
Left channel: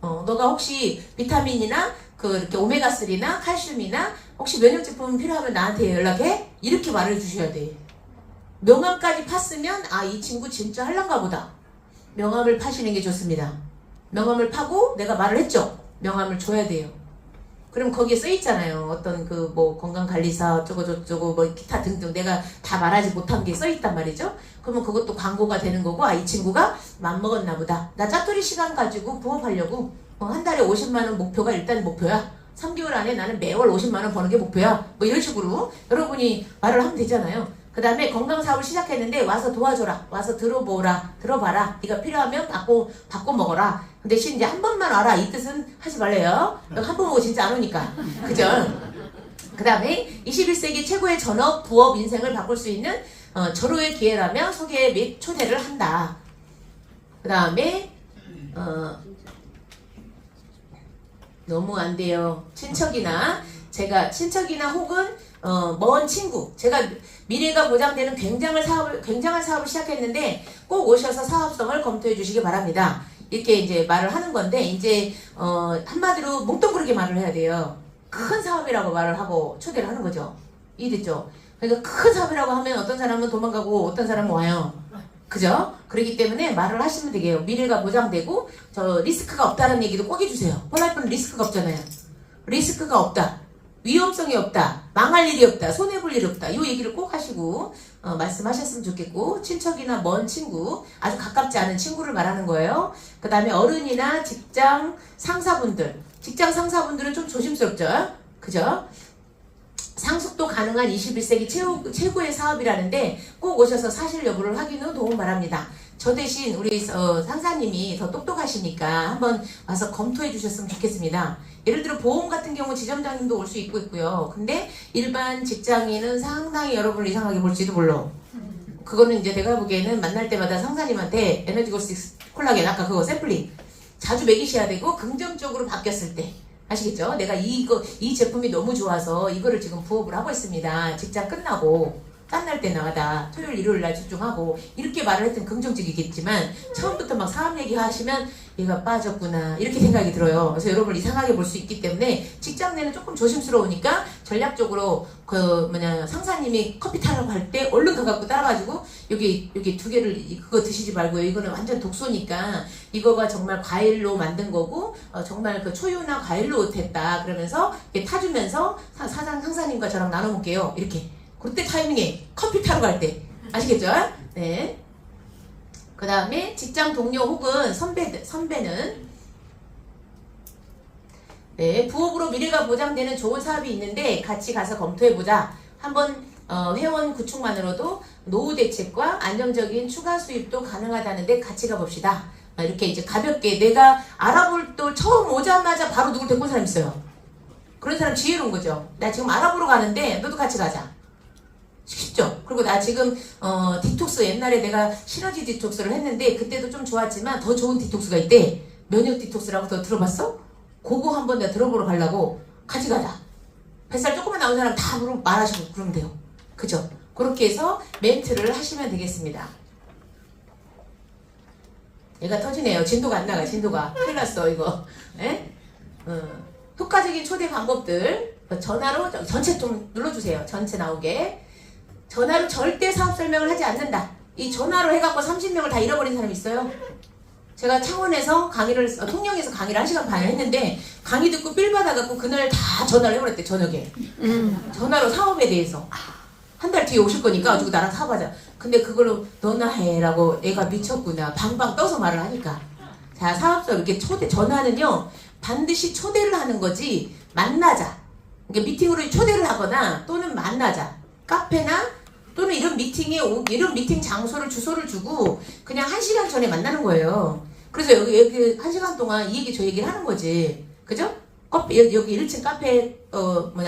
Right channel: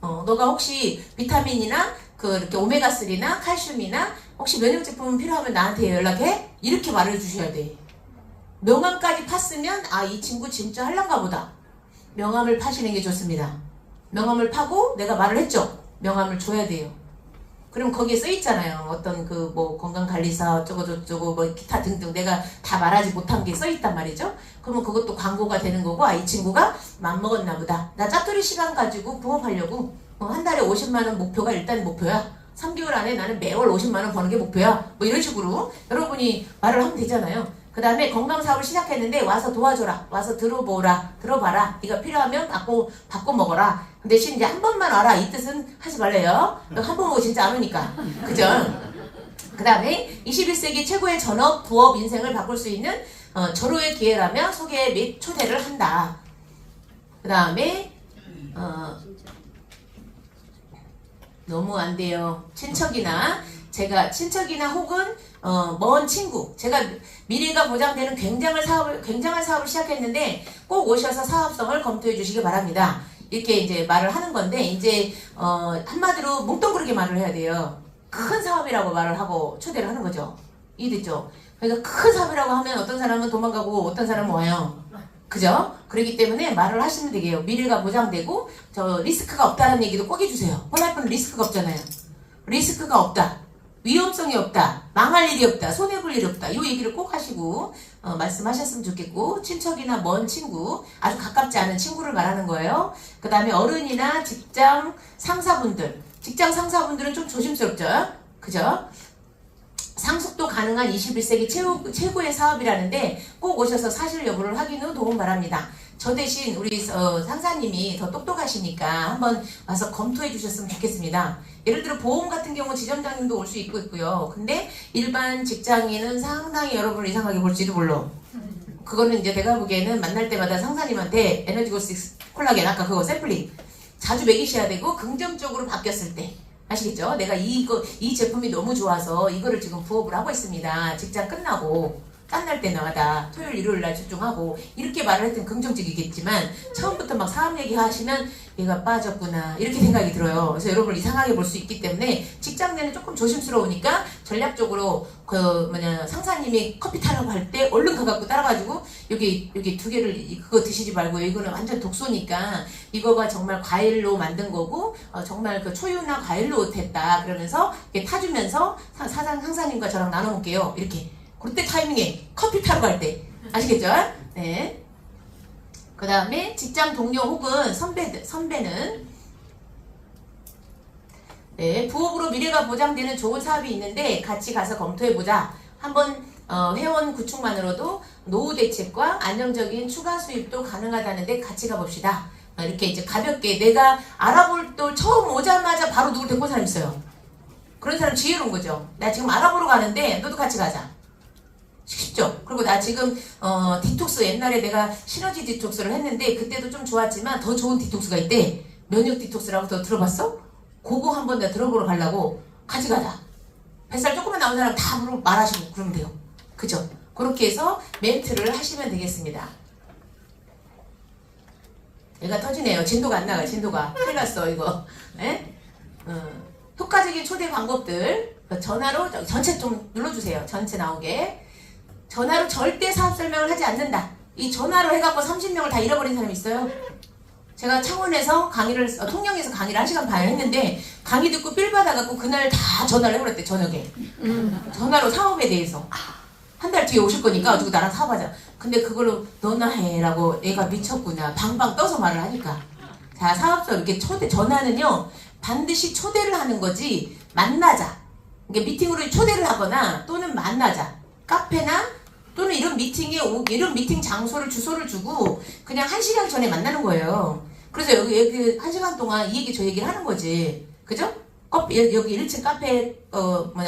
너가 혹시 비타민이나 이렇게 오메가3나 칼슘이나 혹시 면역 제품 필요하면 나한테 연락해? 이렇게 말해 주셔야 돼. 명함까지 팠으면 이 친구 진짜 할란가 보다. 명함을 파시는 게 좋습니다. 명함을 파고 내가 말을 했죠. 명함을 줘야 돼요. 그럼 거기에 써 있잖아요. 어떤 건강관리사 어쩌고 기타 등등 내가 다 말하지 못한 게 써 있단 말이죠. 그러면 그것도 광고가 되는 거고 이 친구가 맘먹었나 보다. 나 짜투리 시간 가지고 부업하려고 한 달에 50만원 목표가 일단 목표야. 3개월 안에 나는 매월 50만원 버는 게 목표야. 이런 식으로 여러분이 말을 하면 되잖아요. 그 다음에 건강사업을 시작했는데 와서 도와줘라. 와서 들어봐라. 네가 필요하면 받고 먹어라. 근데 대신 이제 한 번만 와라. 이 뜻은 하지 말래요. 한 번 오고 진짜 안 오니까. 그죠? 그 다음에 21세기 최고의 전업, 부업 인생을 바꿀 수 있는 절호의 기회라면 소개 및 초대를 한다. 그 다음에 너무 안 돼요. 친척이나 제가 친척이나 혹은 먼 친구, 제가 미래가 보장되는 굉장한 사업을 시작했는데 꼭 오셔서 사업성을 검토해 주시기 바랍니다. 이렇게 이제 말을 하는 건데, 이제 한마디로 뭉뚱그렇게 말을 해야 돼요. 큰 사업이라고 말을 하고 초대를 하는 거죠. 이해됐죠? 그러니까 큰 사업이라고 하면 어떤 사람은 도망가고 어떤 사람은 와요. 그죠? 그렇기 때문에 말을 하시면 되게요. 미래가 보장되고 저 리스크가 없다는 얘기도 꼭 해주세요. 폴라이프는 리스크가 없잖아요. 리스크가 없다. 위험성이 없다. 망할 일이 없다. 손해볼 일이 없다. 이 얘기를 꼭 하시고 말씀하셨으면 좋겠고, 친척이나 먼 친구, 아주 가깝지 않은 친구를 말하는 거예요. 그 다음에 어른이나 직장 상사분들은 좀 조심스럽죠. 그죠? 상속도 가능한 21세기 최고의 사업이라는데 꼭 오셔서 사실 여부를 확인 후 도움 바랍니다. 저 대신 우리 상사님이 더 똑똑하시니까 한번 와서 검토해 주셨으면 좋겠습니다. 예를 들어 보험 같은 경우 지점장님도 올 수 있고요. 근데 일반 직장인은 상당히 여러분을 이상하게 볼지도 몰라. 그거는 이제 내가 보기에는 만날 때마다 상사님한테 에너지고스 콜라겐 아까 그거 샘플링 자주 먹이셔야 되고, 긍정적으로 바뀌었을 때 아시겠죠? 내가 이 제품이 너무 좋아서 이거를 지금 부업을 하고 있습니다. 직장 끝나고 짠날 때마다 토요일 일요일 날 집중하고, 이렇게 말을 했던 긍정적이겠지만 처음부터 막 사업 얘기하시면 얘가 빠졌구나 이렇게 생각이 들어요. 그래서 여러분을 이상하게 볼 수 있기 때문에 직장 내는 조금 조심스러우니까 전략적으로 상사님이 커피 타라고 할 때 얼른 가갖고 따라가지고 여기 두 개를 그거 드시지 말고, 이거는 완전 독소니까 이거가 정말 과일로 만든 거고 정말 그 초유나 과일로 됐다 그러면서 이렇게 타주면서 상사님과 저랑 나눠 볼게요. 이렇게 그때 타이밍에 커피 타러 갈 때 아시겠죠? 네. 그 다음에 직장 동료 혹은 선배는 네, 부업으로 미래가 보장되는 좋은 사업이 있는데 같이 가서 검토해보자. 한번 회원 구축만으로도 노후 대책과 안정적인 추가 수입도 가능하다는데 같이 가봅시다. 이렇게 이제 가볍게 내가 알아볼 때 처음 오자마자 바로 누굴 데리고 온 사람 있어요. 그런 사람 지혜로운 거죠. 나 지금 알아보러 가는데 너도 같이 가자. 쉽죠? 그리고 나 지금 디톡스 옛날에 내가 시너지 디톡스를 했는데 그때도 좀 좋았지만 더 좋은 디톡스가 있대. 면역 디톡스라고 더 들어봤어? 그거 한번 내가 들어보러 가려고 같이 가자. 뱃살 조금만 나온 사람 다 말하시고 그러면 돼요. 그죠? 그렇게 해서 멘트를 하시면 되겠습니다. 얘가 터지네요. 진도가 안 나가요. 진도가. 큰일 났어 이거. 네? 효과적인 초대 방법들 전화로 전체 좀 눌러주세요. 전체 나오게. 전화로 절대 사업 설명을 하지 않는다. 이 전화로 해갖고 30명을 다 잃어버린 사람이 있어요. 제가 창원에서 통영에서 강의를 1시간 반 했는데 강의 듣고 삘 받아갖고 그날 다 전화를 해버렸대. 저녁에 전화로 사업에 대해서 한 달 뒤에 오실 거니까 어쩌고 나랑 사업하자. 근데 그걸로 너나 해라고 애가 미쳤구나 방방 떠서 말을 하니까. 자, 사업자 이렇게 전화는요 반드시 초대를 하는 거지 만나자. 그러니까 미팅으로 초대를 하거나 또는 만나자. 카페나 또는 이런 미팅 장소를 주소를 주고 그냥 1시간 전에 만나는 거예요. 그래서 여기 1시간 동안 이 얘기 저 얘기를 하는 거지. 그죠? 여기 1층 카페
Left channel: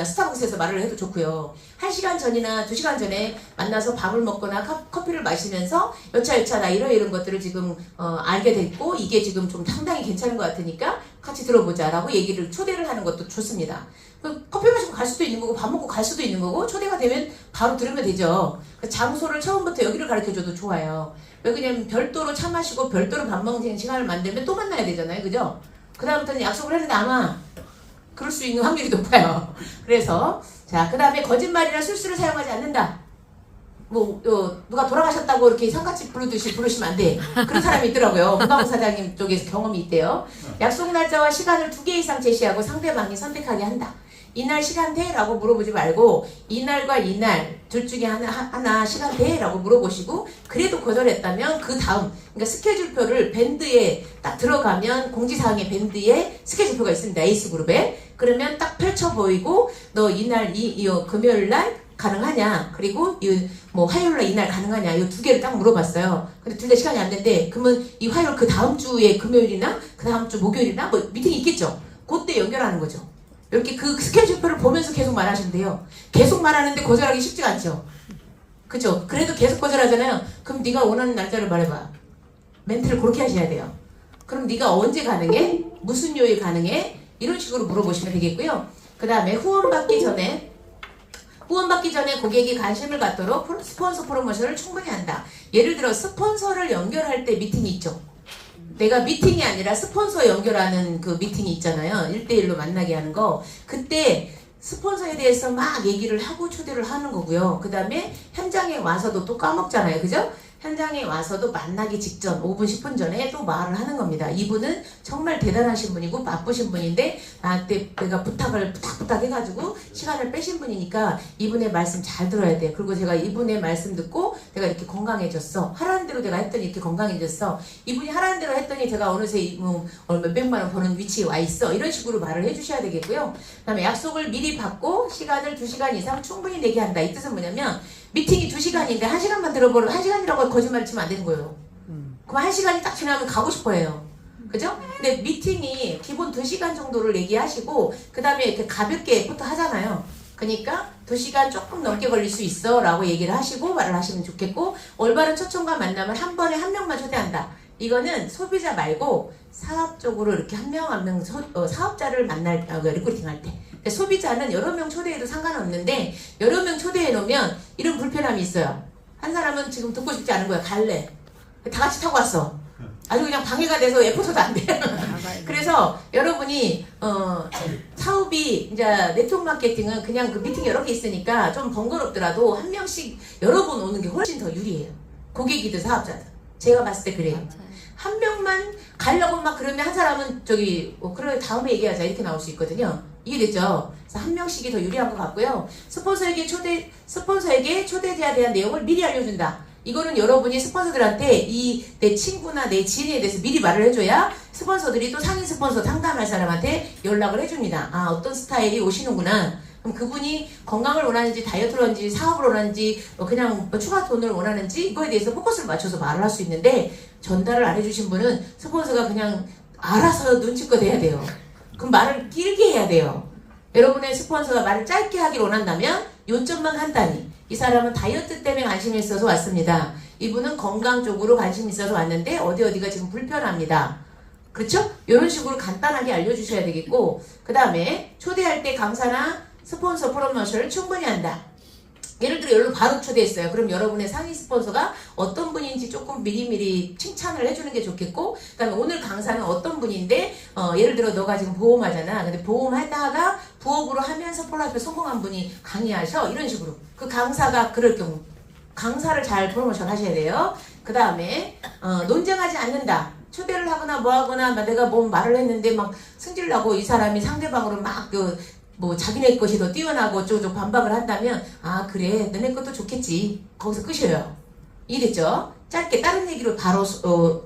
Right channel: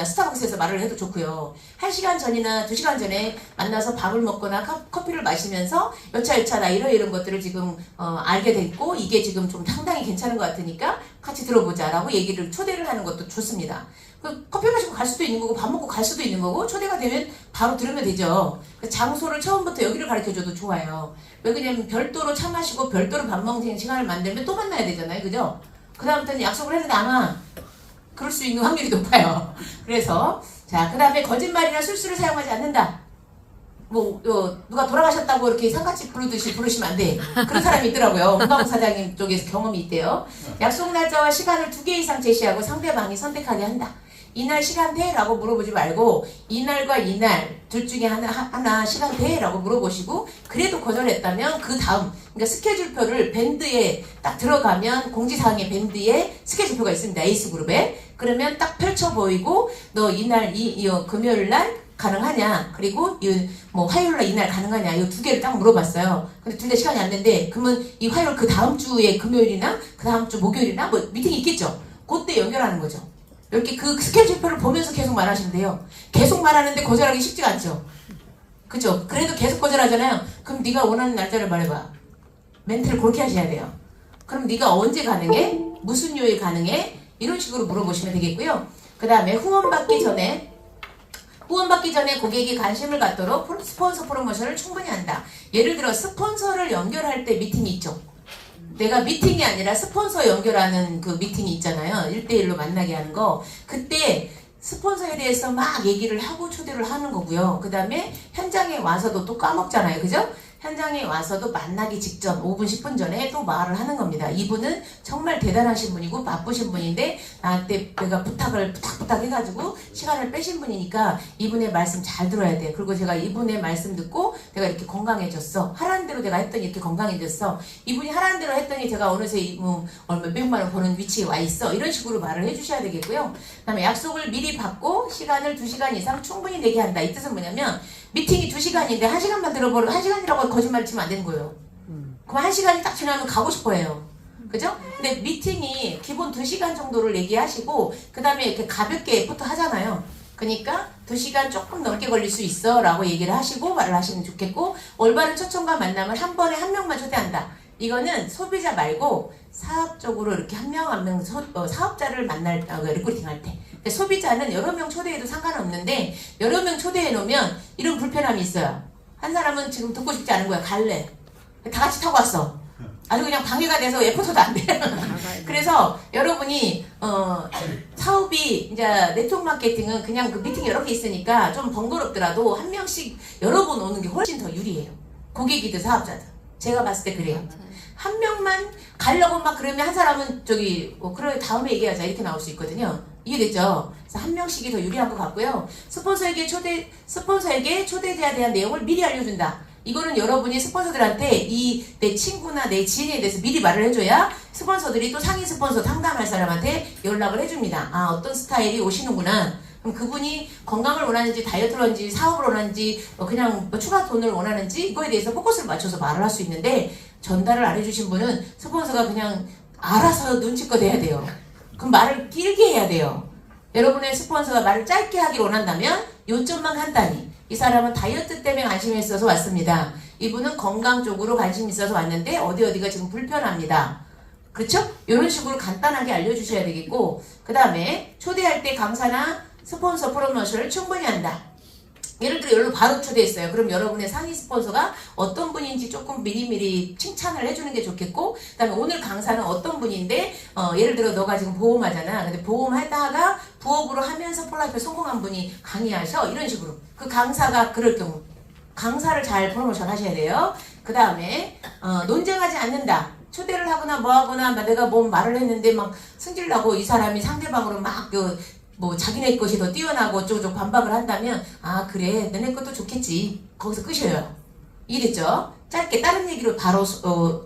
스타벅스에서 말을 해도 좋고요. 1시간 전이나 2시간 전에 만나서 밥을 먹거나 커피를 마시면서 여차 나 이런 것들을 지금 알게 됐고 이게 지금 좀 상당히 괜찮은 것 같으니까 같이 들어보자라고 얘기를 초대를 하는 것도 좋습니다. 커피 마시고 갈 수도 있는 거고 밥 먹고 갈 수도 있는 거고 초대가 되면 바로 들으면 되죠. 장소를 처음부터 여기를 가르쳐줘도 좋아요. 왜냐면 별도로 차 마시고 별도로 밥 먹는 시간을 만들면 또 만나야 되잖아요. 그죠? 그 다음부터는 약속을 했는데 아마 그럴 수 있는 확률이 높아요. 그래서 자, 그 다음에 거짓말이나 술수를 사용하지 않는다. 누가 돌아가셨다고 이렇게 상가집 부르듯이 부르시면 안 돼. 그런 사람이 있더라고요. 문방구 사장님 쪽에서 경험이 있대요. 약속 날짜와 시간을 2개 이상 제시하고 상대방이 선택하게 한다. 이날 시간 돼? 라고 물어보지 말고 이날과 이날 둘 중에 하나 시간 돼? 라고 물어보시고 그래도 거절했다면 그 다음 그러니까 스케줄표를 밴드에 딱 들어가면 공지사항의 밴드에 스케줄표가 있습니다. 에이스그룹에. 그러면 딱 펼쳐 보이고 너 이날 금요일날 가능하냐? 그리고 화요일날 이날 가능하냐? 이 2개를 딱 물어봤어요. 근데 둘 다 시간이 안 된대. 그러면 이 화요일 그 다음 주에 금요일이나 그 다음 주 목요일이나 미팅이 있겠죠? 그때 연결하는 거죠. 이렇게 그 스케줄표를 보면서 계속 말하시면 돼요. 계속 말하는데 거절하기 쉽지가 않죠. 그죠? 그래도 계속 거절하잖아요. 그럼 네가 원하는 날짜를 말해봐. 멘트를 그렇게 하셔야 돼요. 그럼 네가 언제 가능해? 무슨 요일 가능해? 이런 식으로 물어보시면 되겠고요. 그 그 다음에 후원받기 전에 고객이 관심을 갖도록 스폰서 프로모션을 충분히 한다. 예를 들어 스폰서를 연결할 때 미팅이 있죠. 내가 미팅이 아니라 스폰서 연결하는 그 미팅이 있잖아요. 1대1로 만나게 하는 거. 그때 스폰서에 대해서 막 얘기를 하고 초대를 하는 거고요. 그 다음에 현장에 와서도 또 까먹잖아요. 그죠? 현장에 와서도 만나기 직전 5분 10분 전에 또 말을 하는 겁니다. 이분은 정말 대단하신 분이고 바쁘신 분인데 나한테 내가 부탁 해가지고 시간을 빼신 분이니까 이분의 말씀 잘 들어야 돼. 그리고 제가 이분의 말씀 듣고 내가 이렇게 건강해졌어. 하라는 대로 내가 했더니 이렇게 건강해졌어. 이분이 하라는 대로 했더니 제가 어느새 몇백만 원 버는 위치에 와 있어. 이런 식으로 말을 해주셔야 되겠고요. 그 다음에 약속을 미리 받고 시간을 2시간 이상 충분히 내게 한다. 이 뜻은 뭐냐면 미팅이 2시간인데 1시간만 들어보면 1시간이라고 거짓말 치면 안 되는 거예요. 그럼 1시간이 딱 지나면 가고 싶어해요. 그죠? 근데 미팅이 기본 2시간 정도를 얘기하시고 그 다음에 이렇게 가볍게 부터 하잖아요. 그러니까 2시간 조금 넘게 걸릴 수 있어 라고 얘기를 하시고 말을 하시면 좋겠고, 올바른 초청과 만남을 한 번에 한 명만 초대한다. 이거는 소비자 말고 사업적으로 이렇게 한 명 한 명 사업자를 만날 리크루팅 할 때, 소비자는 여러 명 초대해도 상관없는데 여러 명 초대해 놓으면 이런 불편함이 있어요. 한 사람은 지금 듣고 싶지 않은 거야. 갈래. 다 같이 타고 왔어. 아주 그냥 방해가 돼서 에포소도 안 돼. 그래서 여러분이 사업이 이제 네트워크 마케팅은 그냥 그 미팅 여러 개 있으니까 좀 번거롭더라도 한 명씩 여러 번 오는 게 훨씬 더 유리해요. 고객이든 사업자든. 제가 봤을 때 그래요. 한 명만 가려고 막 그러면 한 사람은 그래 다음에 얘기하자 이렇게 나올 수 있거든요. 이해됐죠? 그래서 한 명씩이 더 유리한 것 같고요. 스폰서에게 초대자에 대한 내용을 미리 알려준다. 이거는 여러분이 스폰서들한테 내 친구나 내 지인에 대해서 미리 말을 해줘야 스폰서들이 또 상위 스폰서 상담할 사람한테 연락을 해줍니다. 아, 어떤 스타일이 오시는구나. 그럼 그분이 건강을 원하는지 다이어트를 원하는지 사업을 원하는지 그냥 추가 돈을 원하는지 이거에 대해서 포커스를 맞춰서 말을 할 수 있는데, 전달을 안 해주신 분은 스폰서가 그냥 알아서 눈치껏 해야 돼요. 그럼 말을 길게 해야 돼요. 여러분의 스폰서가 말을 짧게 하기를 원한다면 요점만 간단히, 이 사람은 다이어트 때문에 관심이 있어서 왔습니다. 이분은 건강 쪽으로 관심이 있어서 왔는데 어디가 지금 불편합니다. 그렇죠? 이런 식으로 간단하게 알려주셔야 되겠고, 그 다음에 초대할 때 강사나 스폰서 프로모션을 충분히 한다. 예를 들어 여기로 바로 초대했어요. 그럼 여러분의 상위 스폰서가 어떤 분인지 조금 미리미리 칭찬을 해주는 게 좋겠고, 그 다음에 오늘 강사는 어떤 분인데 예를 들어 너가 지금 보험하잖아. 근데 보험하다가 부업으로 하면서 폴라이프에 성공한 분이 강의하셔. 이런 식으로. 그 강사가 그럴 경우 강사를 잘 프로모션 하셔야 돼요. 그 다음에 논쟁하지 않는다. 초대를 하거나 뭐 하거나 내가 뭐 말을 했는데 막 승질나고 이 사람이 상대방으로 막 자기네 것이 더 뛰어나고 어쩌고저쩌고 반박을 한다면, 아 그래 너네 것도 좋겠지. 거기서 끝이에요. 이해됐죠? 짧게 다른 얘기로 바로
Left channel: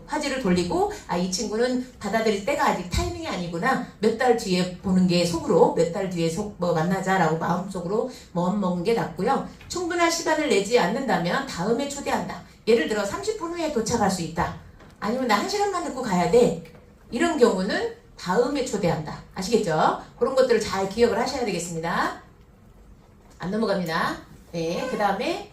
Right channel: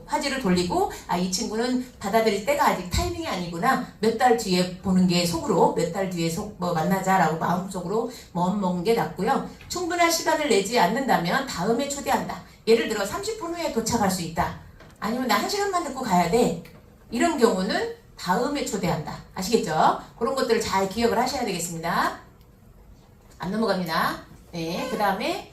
화제를 돌리고, 아 이 친구는 받아들일 때가 아직 타이밍이 아니구나. 몇 달 뒤에 보는 게 속으로, 몇 달 뒤에 만나자라고 마음속으로 먹는 게 낫고요. 충분한 시간을 내지 않는다면 다음에 초대한다. 예를 들어 30분 후에 도착할 수 있다. 아니면 나 1시간만 듣고 가야 돼. 이런 경우는 다음에 초대한다. 아시겠죠? 그런 것들을 잘 기억을 하셔야 되겠습니다. 안 넘어갑니다. 네, 그 다음에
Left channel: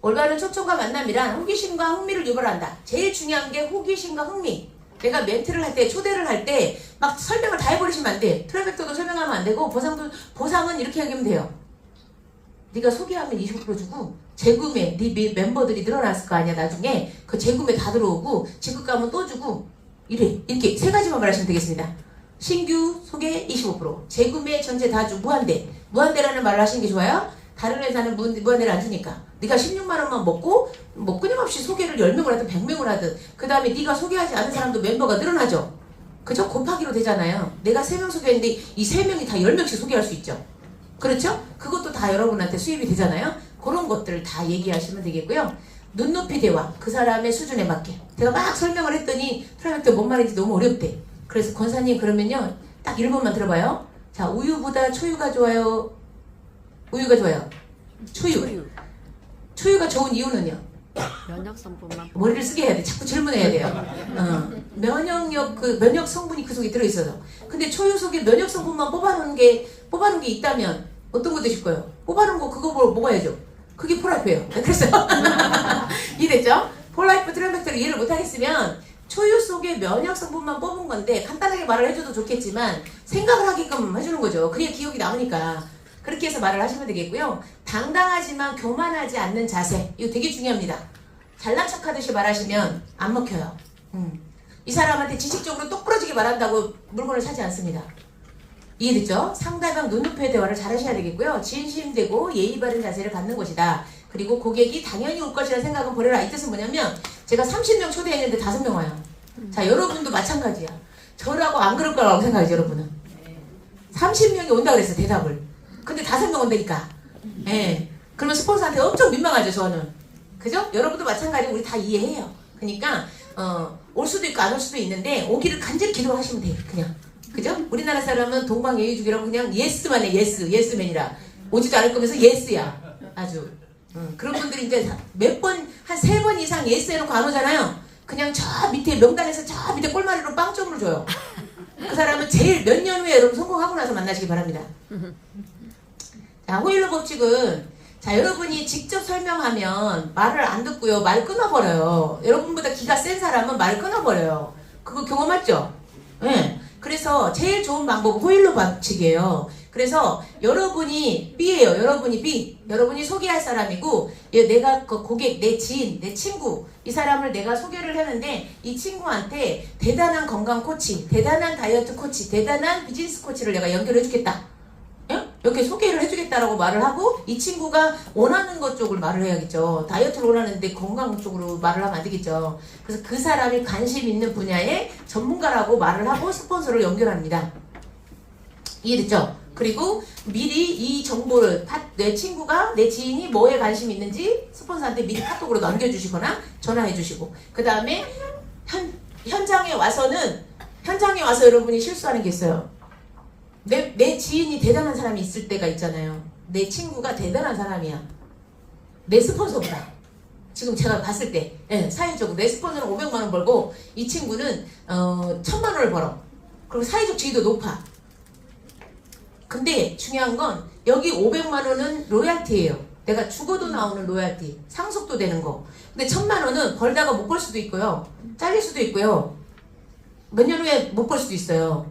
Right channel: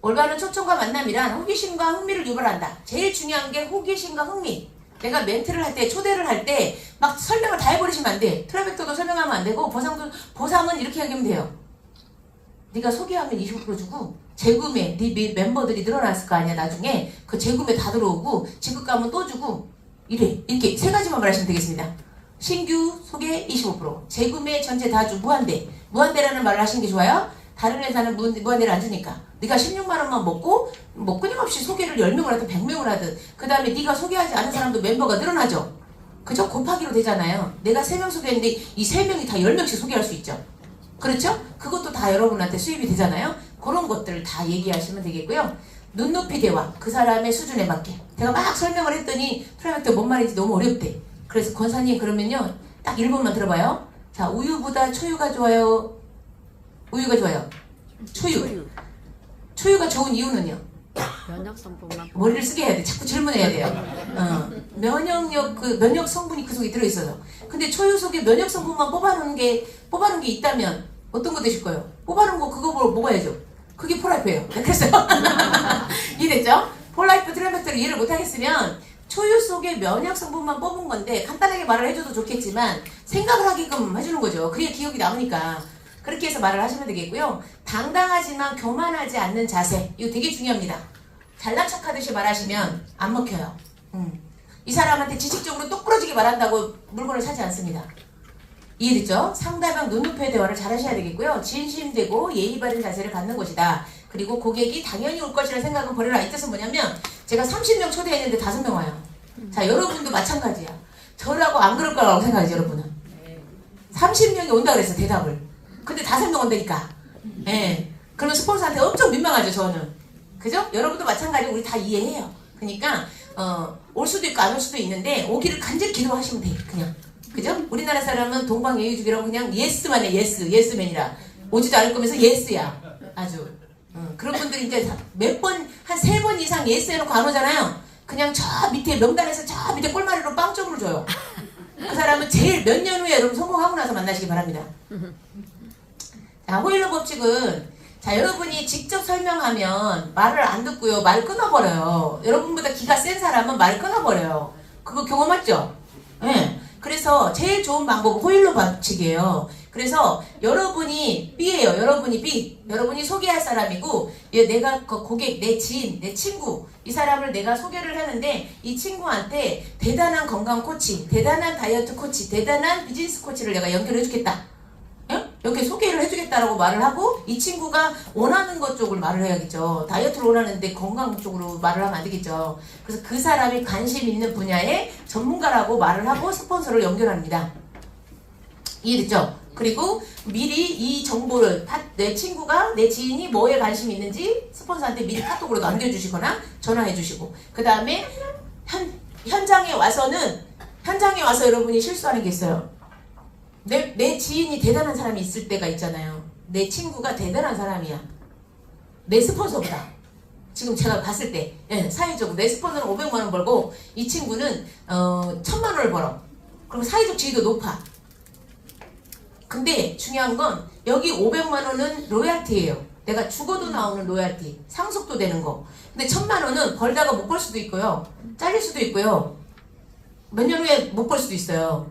올바른 초청과 만남이란 호기심과 흥미를 유발한다. 제일 중요한 게 호기심과 흥미. 내가 멘트를 할 때, 초대를 할 때 막 설명을 다 해버리시면 안 돼. 트라이백터도 설명하면 안 되고, 보상은 이렇게 하면 돼요. 네가 소개하면 20% 주고, 재구매, 네 멤버들이 늘어났을 거 아니야. 나중에 그 재구매 다 들어오고, 지급감은 또 주고, 이렇게 세 가지만 말하시면 되겠습니다. 신규 소개 25%, 재구매 전체 다 주, 무한대라는 말을 하시는 게 좋아요. 다른 회사는 무한대를 안 주니까 네가 16만 원만 먹고 끊임없이 소개를 10명을 하든 100명을 하든, 그 다음에 네가 소개하지 않은 사람도 멤버가 늘어나죠. 그죠? 곱하기로 되잖아요. 내가 3명 소개했는데 이 3명이 다 10명씩 소개할 수 있죠. 그렇죠? 그것도 다 여러분한테 수입이 되잖아요. 그런 것들을 다 얘기하시면 되겠고요. 눈높이 대화, 그 사람의 수준에 맞게. 제가 막 설명을 했더니 프라이맥터 뭔 말인지 너무 어렵대. 그래서 권사님 그러면요, 딱 1번만 들어봐요. 자, 우유보다 초유가 좋아요? 우유가 좋아요? 초유가 좋은 이유는요? 면역 성분만 머리를 쓰게 해야 돼. 자꾸 질문해야 돼요. 면역 성분이 그 속에 들어있어서. 근데 초유 속에 면역 성분만 뽑아놓은 게 있다면 어떤 거 되실 거예요? 뽑아놓은 거 그거 먹어야죠. 그게 폴라이프예요. 그래서 이해됐죠? 폴라이프 트라이맥터를 이해를 못하겠으면 소유 속의 면역 성분만 뽑은 건데 간단하게 말을 해줘도 좋겠지만 생각을 하게끔 해주는 거죠. 그래야 기억이 남으니까. 그렇게 해서 말을 하시면 되겠고요. 당당하지만 교만하지 않는 자세. 이거 되게 중요합니다. 잘난 척하듯이 말하시면 안 먹혀요. 이 사람한테 지식적으로 똑부러지게 말한다고 물건을 사지 않습니다. 이해됐죠? 상대방 눈높이의 대화를 잘 하셔야 되겠고요. 진심되고 예의 바른 자세를 갖는 것이다. 그리고 고객이 당연히 올 것이라 생각은 버려라. 이 뜻은 뭐냐면 제가 30명 초대했는데 5명 와요. 자, 여러분도 마찬가지야. 저라고 안 그럴 거라고 생각하지, 여러분은. 30명이 온다 그랬어, 대답을. 근데 5명 온다니까. 예. 그러면 스폰서한테 엄청 민망하죠, 저는. 그죠? 여러분도 마찬가지고 우리 다 이해해요. 그러니까 올 수도 있고 안 올 수도 있는데 오기를 간절히 기도하시면 돼요. 그냥. 그죠? 우리나라 사람은 동방예의주기라고 그냥 예스만 해. 예스맨이라. 오지도 않을 거면서 예스야. 아주. 그런 분들이 이제 몇 번, 한 3번 이상 예스 해놓고 안 오잖아요. 그냥 저 밑에 명단에서 저 밑에 꼴마리로 빵점으로 줘요. 그 사람은 제일 몇 년 후에 여러분 성공하고 나서 만나시기 바랍니다. 자, 호일러 법칙은 자, 여러분이 직접 설명하면 말을 안 듣고요. 말 끊어버려요. 여러분보다 기가 센 사람은 말 끊어버려요. 그거 경험했죠? 예. 네. 그래서 제일 좋은 방법은 호일러 법칙이에요. 그래서 여러분이 B예요. 여러분이 B. 여러분이 소개할 사람이고 내가 그 고객, 내 지인, 내 친구 이 사람을 내가 소개를 하는데 이 친구한테 대단한 건강 코치, 대단한 다이어트 코치, 대단한 비즈니스 코치를 내가 연결해 주겠다. 이렇게 소개를 해주겠다라고 말을 하고 이 친구가 원하는 것 쪽을 말을 해야겠죠. 다이어트를 원하는데 건강 쪽으로 말을 하면 안 되겠죠. 그래서 그 사람이 관심 있는 분야의 전문가라고 말을 하고 스폰서를 연결합니다. 이해됐죠? 그리고 미리 이 정보를 내 친구가 내 지인이 뭐에 관심이 있는지 스폰서한테 미리 카톡으로 남겨주시거나 전화해 주시고 그 다음에 현장에 와서 여러분이 실수하는 게 있어요. 내 지인이 대단한 사람이 있을 때가 있잖아요. 내 친구가 대단한 사람이야. 내 스폰서보다. 지금 제가 봤을 때 사회적으로 내 스폰서는 500만 원 벌고 이 친구는 1000만 원을 벌어. 그리고 사회적 지위도 높아. 근데 중요한 건 여기 500만 원은 로얄티예요. 내가 죽어도 나오는 로얄티. 상속도 되는 거. 근데 1000만 원은 벌다가 못 벌 수도 있고요. 잘릴 수도 있고요. 몇 년 후에 못 벌 수도 있어요.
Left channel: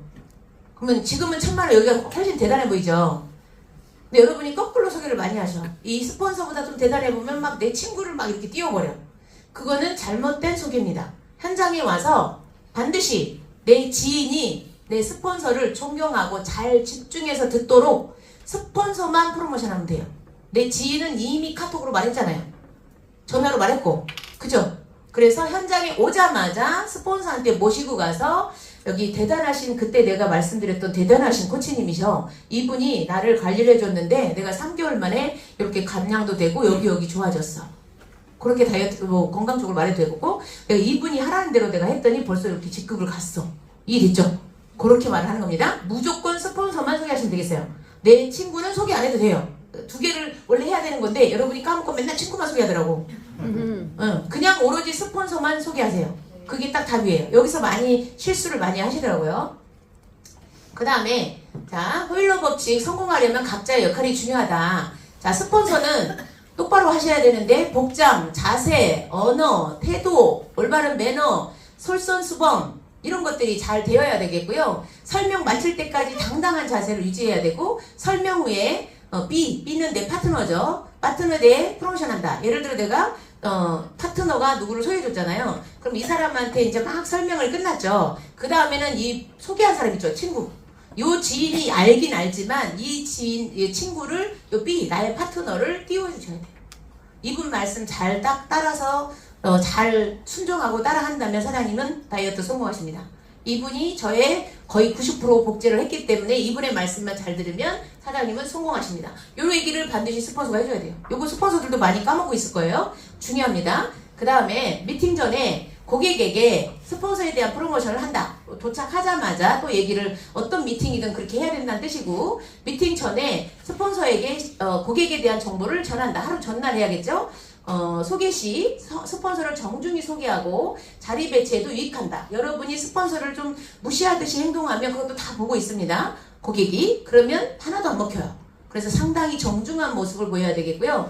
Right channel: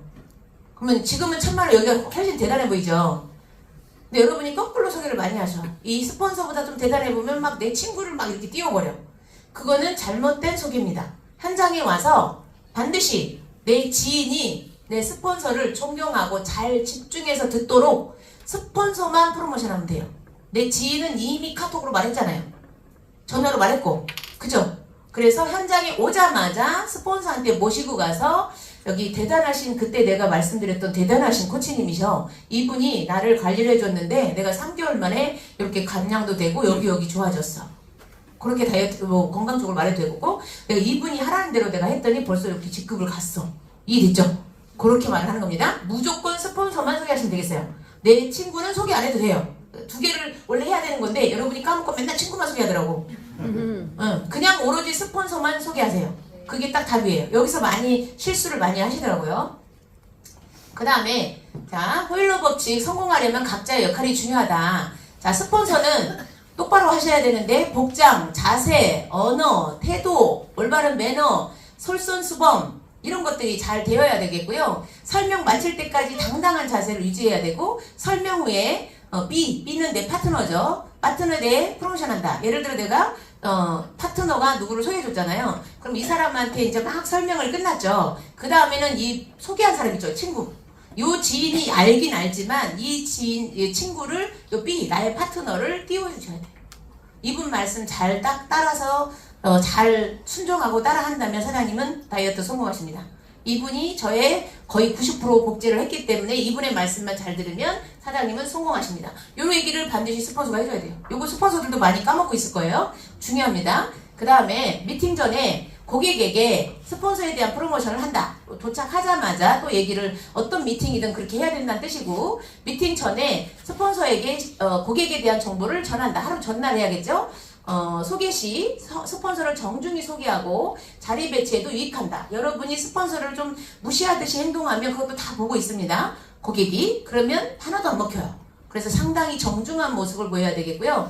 그러면 지금은 1000만 원 여기가 훨씬 대단해 보이죠. 근데 여러분이 거꾸로 소개를 많이 하셔. 이 스폰서보다 좀 대단해 보면 막 내 친구를 막 이렇게 띄워버려. 그거는 잘못된 소개입니다. 현장에 와서 반드시 내 지인이 내 스폰서를 존경하고 잘 집중해서 듣도록 스폰서만 프로모션하면 돼요. 내 지인은 이미 카톡으로 말했잖아요. 전화로 말했고. 그죠? 그래서 현장에 오자마자 스폰서한테 모시고 가서 여기 대단하신 그때 내가 말씀드렸던 대단하신 코치님이셔. 이분이 나를 관리를 해줬는데 내가 3개월 만에 이렇게 감량도 되고 여기 좋아졌어. 그렇게 다이어트 건강 쪽으로 말해도 되고 내가 이분이 하라는 대로 내가 했더니 벌써 이렇게 직급을 갔어. 이해됐죠? 그렇게 말하는 겁니다. 무조건 스폰서만 소개하시면 되겠어요. 내 친구는 소개 안 해도 돼요. 2개를 원래 해야 되는 건데 여러분이 까먹고 맨날 친구만 소개하더라고. 그냥 오로지 스폰서만 소개하세요. 그게 딱 답이에요. 여기서 많이 실수를 많이 하시더라고요. 그 다음에 자 호일러 법칙 성공하려면 각자의 역할이 중요하다. 자 스폰서는 똑바로 하셔야 되는데 복장, 자세, 언어, 태도, 올바른 매너, 솔선수범 이런 것들이 잘 되어야 되겠고요. 설명 마칠 때까지 당당한 자세를 유지해야 되고 설명 후에 B는 내 파트너죠. 파트너에 대해 프로모션한다. 예를 들어 내가 파트너가 누구를 소개해줬잖아요. 그럼 이 사람한테 이제 막 설명을 끝났죠. 그 다음에는 이 소개한 사람 있죠. 친구. 요 지인이 알긴 알지만 이 친구를 요 B, 나의 파트너를 띄워주셔야 돼요. 이분 말씀 잘 딱 따라서 잘 순종하고 따라한다면 사장님은 다이어트 성공하십니다. 이분이 저의 거의 90% 복제를 했기 때문에 이분의 말씀만 잘 들으면 사장님은 성공하십니다. 요 얘기를 반드시 스폰서가 해줘야 돼요. 요거 스폰서들도 많이 까먹고 있을 거예요. 중요합니다. 그 다음에 미팅 전에 고객에게 스폰서에 대한 프로모션을 한다. 도착하자마자 또 얘기를 어떤 미팅이든 그렇게 해야 된다는 뜻이고 미팅 전에 스폰서에게 고객에 대한 정보를 전한다. 하루 전날 해야겠죠? 소개 시 스폰서를 정중히 소개하고 자리 배치에도 유익한다. 여러분이 스폰서를 좀 무시하듯이 행동하면 그것도 다 보고 있습니다. 고객이. 그러면 하나도 안 먹혀요. 그래서 상당히 정중한 모습을 보여야 되겠고요.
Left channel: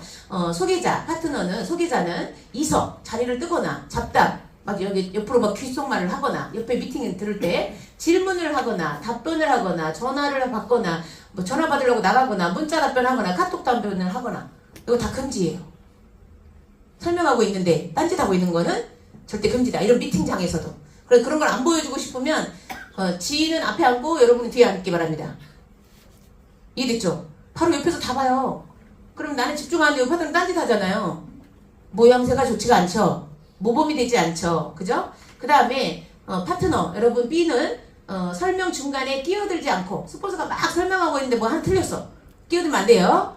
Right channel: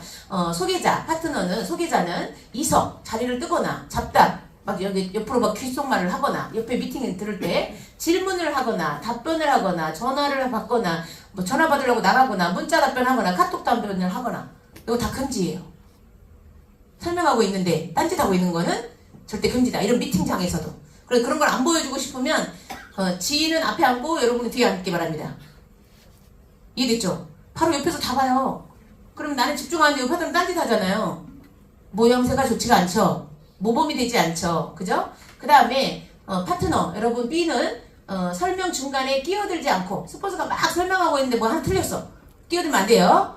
소개자는 이석, 자리를 뜨거나 잡담, 막 여기 옆으로 막 귓속말을 하거나 옆에 미팅에 들을 때 질문을 하거나 답변을 하거나 전화를 받거나 뭐 전화 받으려고 나가거나 문자 답변하거나 카톡 답변을 하거나 이거 다 금지예요. 설명하고 있는데 딴짓하고 있는 거는 절대 금지다. 이런 미팅장에서도. 그래서 그런 걸 안 보여주고 싶으면 지인은 앞에 앉고 여러분은 뒤에 앉기 바랍니다. 이해됐죠? 바로 옆에서 다 봐요. 그럼 나는 집중하는데 옆에 사람 딴짓하잖아요. 모양새가 좋지가 않죠. 모범이 되지 않죠. 그죠? 그 다음에 파트너 여러분 B는 설명 중간에 끼어들지 않고 스폰서가 막 설명하고 있는데 뭐 하나 틀렸어. 끼어들면 안 돼요.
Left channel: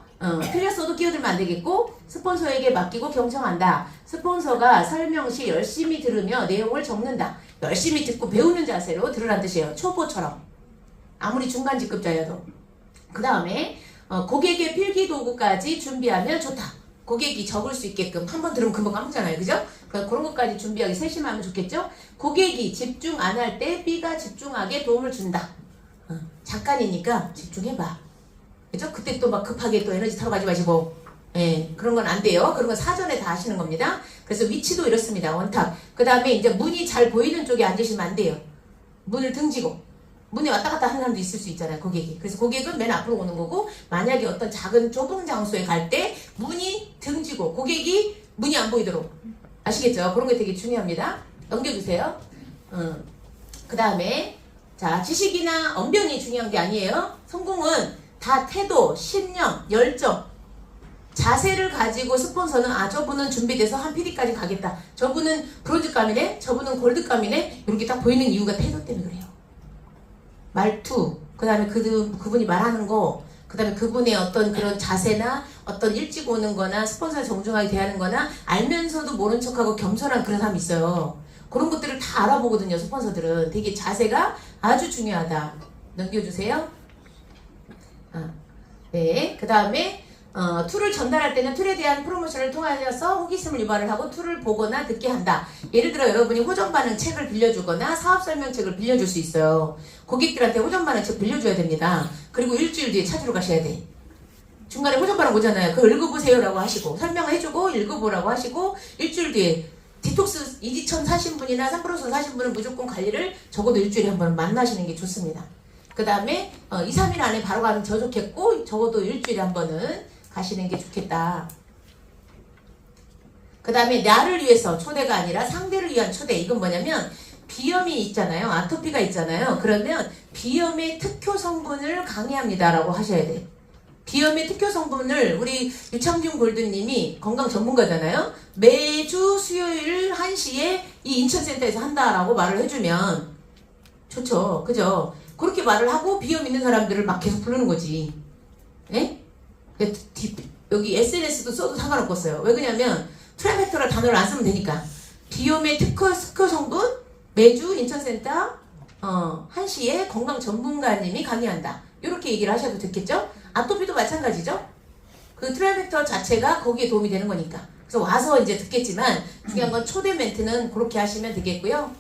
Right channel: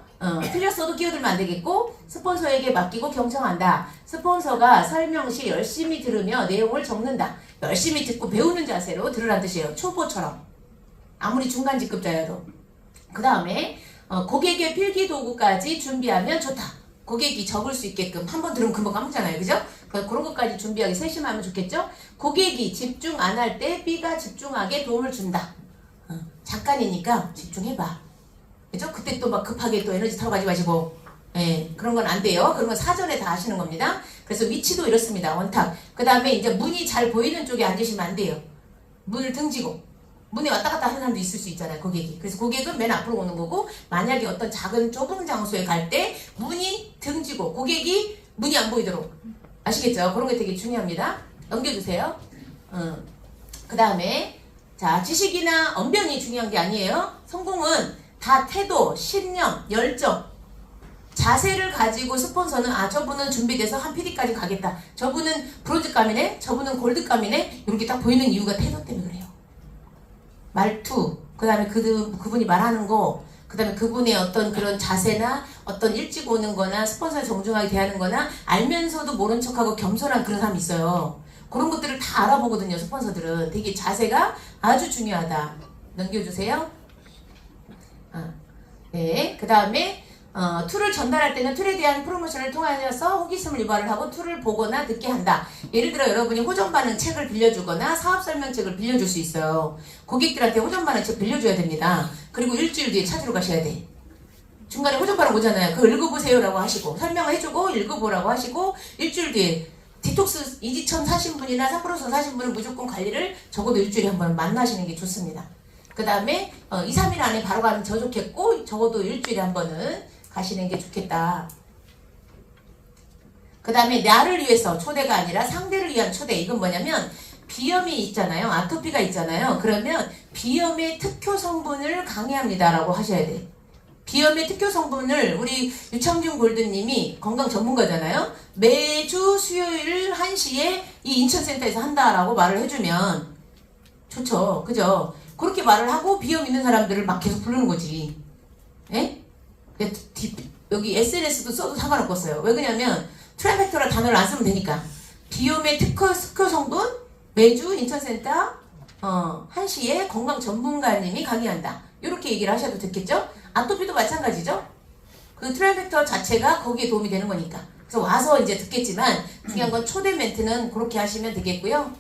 틀렸어도 끼어들면 안 되겠고 스폰서에게 맡기고 경청한다. 스폰서가 설명 시 열심히 들으며 내용을 적는다. 열심히 듣고 배우는 자세로 들으란 뜻이에요. 초보처럼. 아무리 중간 직급자여도. 그 다음에 고객의 필기 도구까지 준비하면 좋다. 고객이 적을 수 있게끔 한 번 들으면 금방 까먹잖아요. 그죠? 그런 것까지 준비하기 세심하면 좋겠죠? 고객이 집중 안 할 때 B가 집중하게 도움을 준다. 잠깐이니까 집중해봐. 그죠? 그때 또 막 급하게 또 에너지 타러 가지 마시고 예, 그런 건 안 돼요. 그런 건 사전에 다 하시는 겁니다. 그래서 위치도 이렇습니다. 원탁. 그 다음에 이제 문이 잘 보이는 쪽에 앉으시면 안 돼요. 문을 등지고 문에 왔다 갔다 하는 사람도 있을 수 있잖아요. 고객이. 그래서 고객은 맨 앞으로 오는 거고 만약에 어떤 작은 좁은 장소에 갈 때 문이 등지고 고객이 문이 안 보이도록 아시겠죠? 그런 게 되게 중요합니다. 넘겨주세요. 그 다음에 자 지식이나 언변이 중요한 게 아니에요. 성공은 다 태도, 신념, 열정, 자세를 가지고 스폰서는 저분은 준비돼서 한 PD까지 가겠다. 저분은 브론즈감이네, 저분은 골드감이네 이렇게 딱 보이는 이유가 태도 때문에 그래요. 말투, 그 다음에 그분이 말하는 거, 그 다음에 그분의 어떤 그런 자세나 어떤 일찍 오는 거나 스폰서를 정중하게 대하는 거나 알면서도 모른 척하고 겸손한 그런 사람이 있어요. 그런 것들을 다 알아보거든요. 스폰서들은. 되게 자세가 아주 중요하다. 넘겨주세요. 네, 그 다음에 툴을 전달할 때는 툴에 대한 프로모션을 통하여서 호기심을 유발을 하고 툴을 보거나 듣게 한다. 예를 들어 여러분이 호전 반응 책을 빌려주거나 사업 설명책을 빌려줄 수 있어요. 고객들한테 호전 반응 책 빌려줘야 됩니다. 그리고 일주일 뒤에 찾으러 가셔야 돼. 중간에 호전 반응 오잖아요. 그거 읽어보세요라고 하시고 설명을 해주고 읽어보라고 하시고 일주일 뒤에 디톡스 이지천 사신 분이나 상프로선 사신 분은 무조건 관리를 적어도 일주일에 한 번 만나시는 게 좋습니다. 그 다음에 2, 3일 안에 바로 가면 더 좋겠고 적어도 일주일에 한 번은 가시는 게 좋겠다. 그 다음에 나를 위해서 초대가 아니라 상대를 위한 초대. 이건 뭐냐면 비염이 있잖아요. 아토피가 있잖아요. 그러면 비염의 특효 성분을 강의합니다 라고 하셔야 돼. 비염의 특효 성분을 우리 유창준 골드님이 건강 전문가잖아요. 매주 수요일 1시에 이 인천센터에서 한다라고 말을 해주면 좋죠. 그죠? 그렇게 말을 하고 비염 있는 사람들을 막 계속 부르는 거지. 예? 여기 SNS도 써도 상관없겠어요. 왜 그러냐면 트라이팩터라 단어를 안 쓰면 되니까. 비염의 특허 성분 매주 인천센터 1시에 건강 전문가님이 강의한다. 이렇게 얘기를 하셔도 됐겠죠? 아토피도 마찬가지죠? 그 트라이팩터 자체가 거기에 도움이 되는 거니까. 그래서 와서 이제 듣겠지만 중요한 건 초대 멘트는 그렇게 하시면 되겠고요.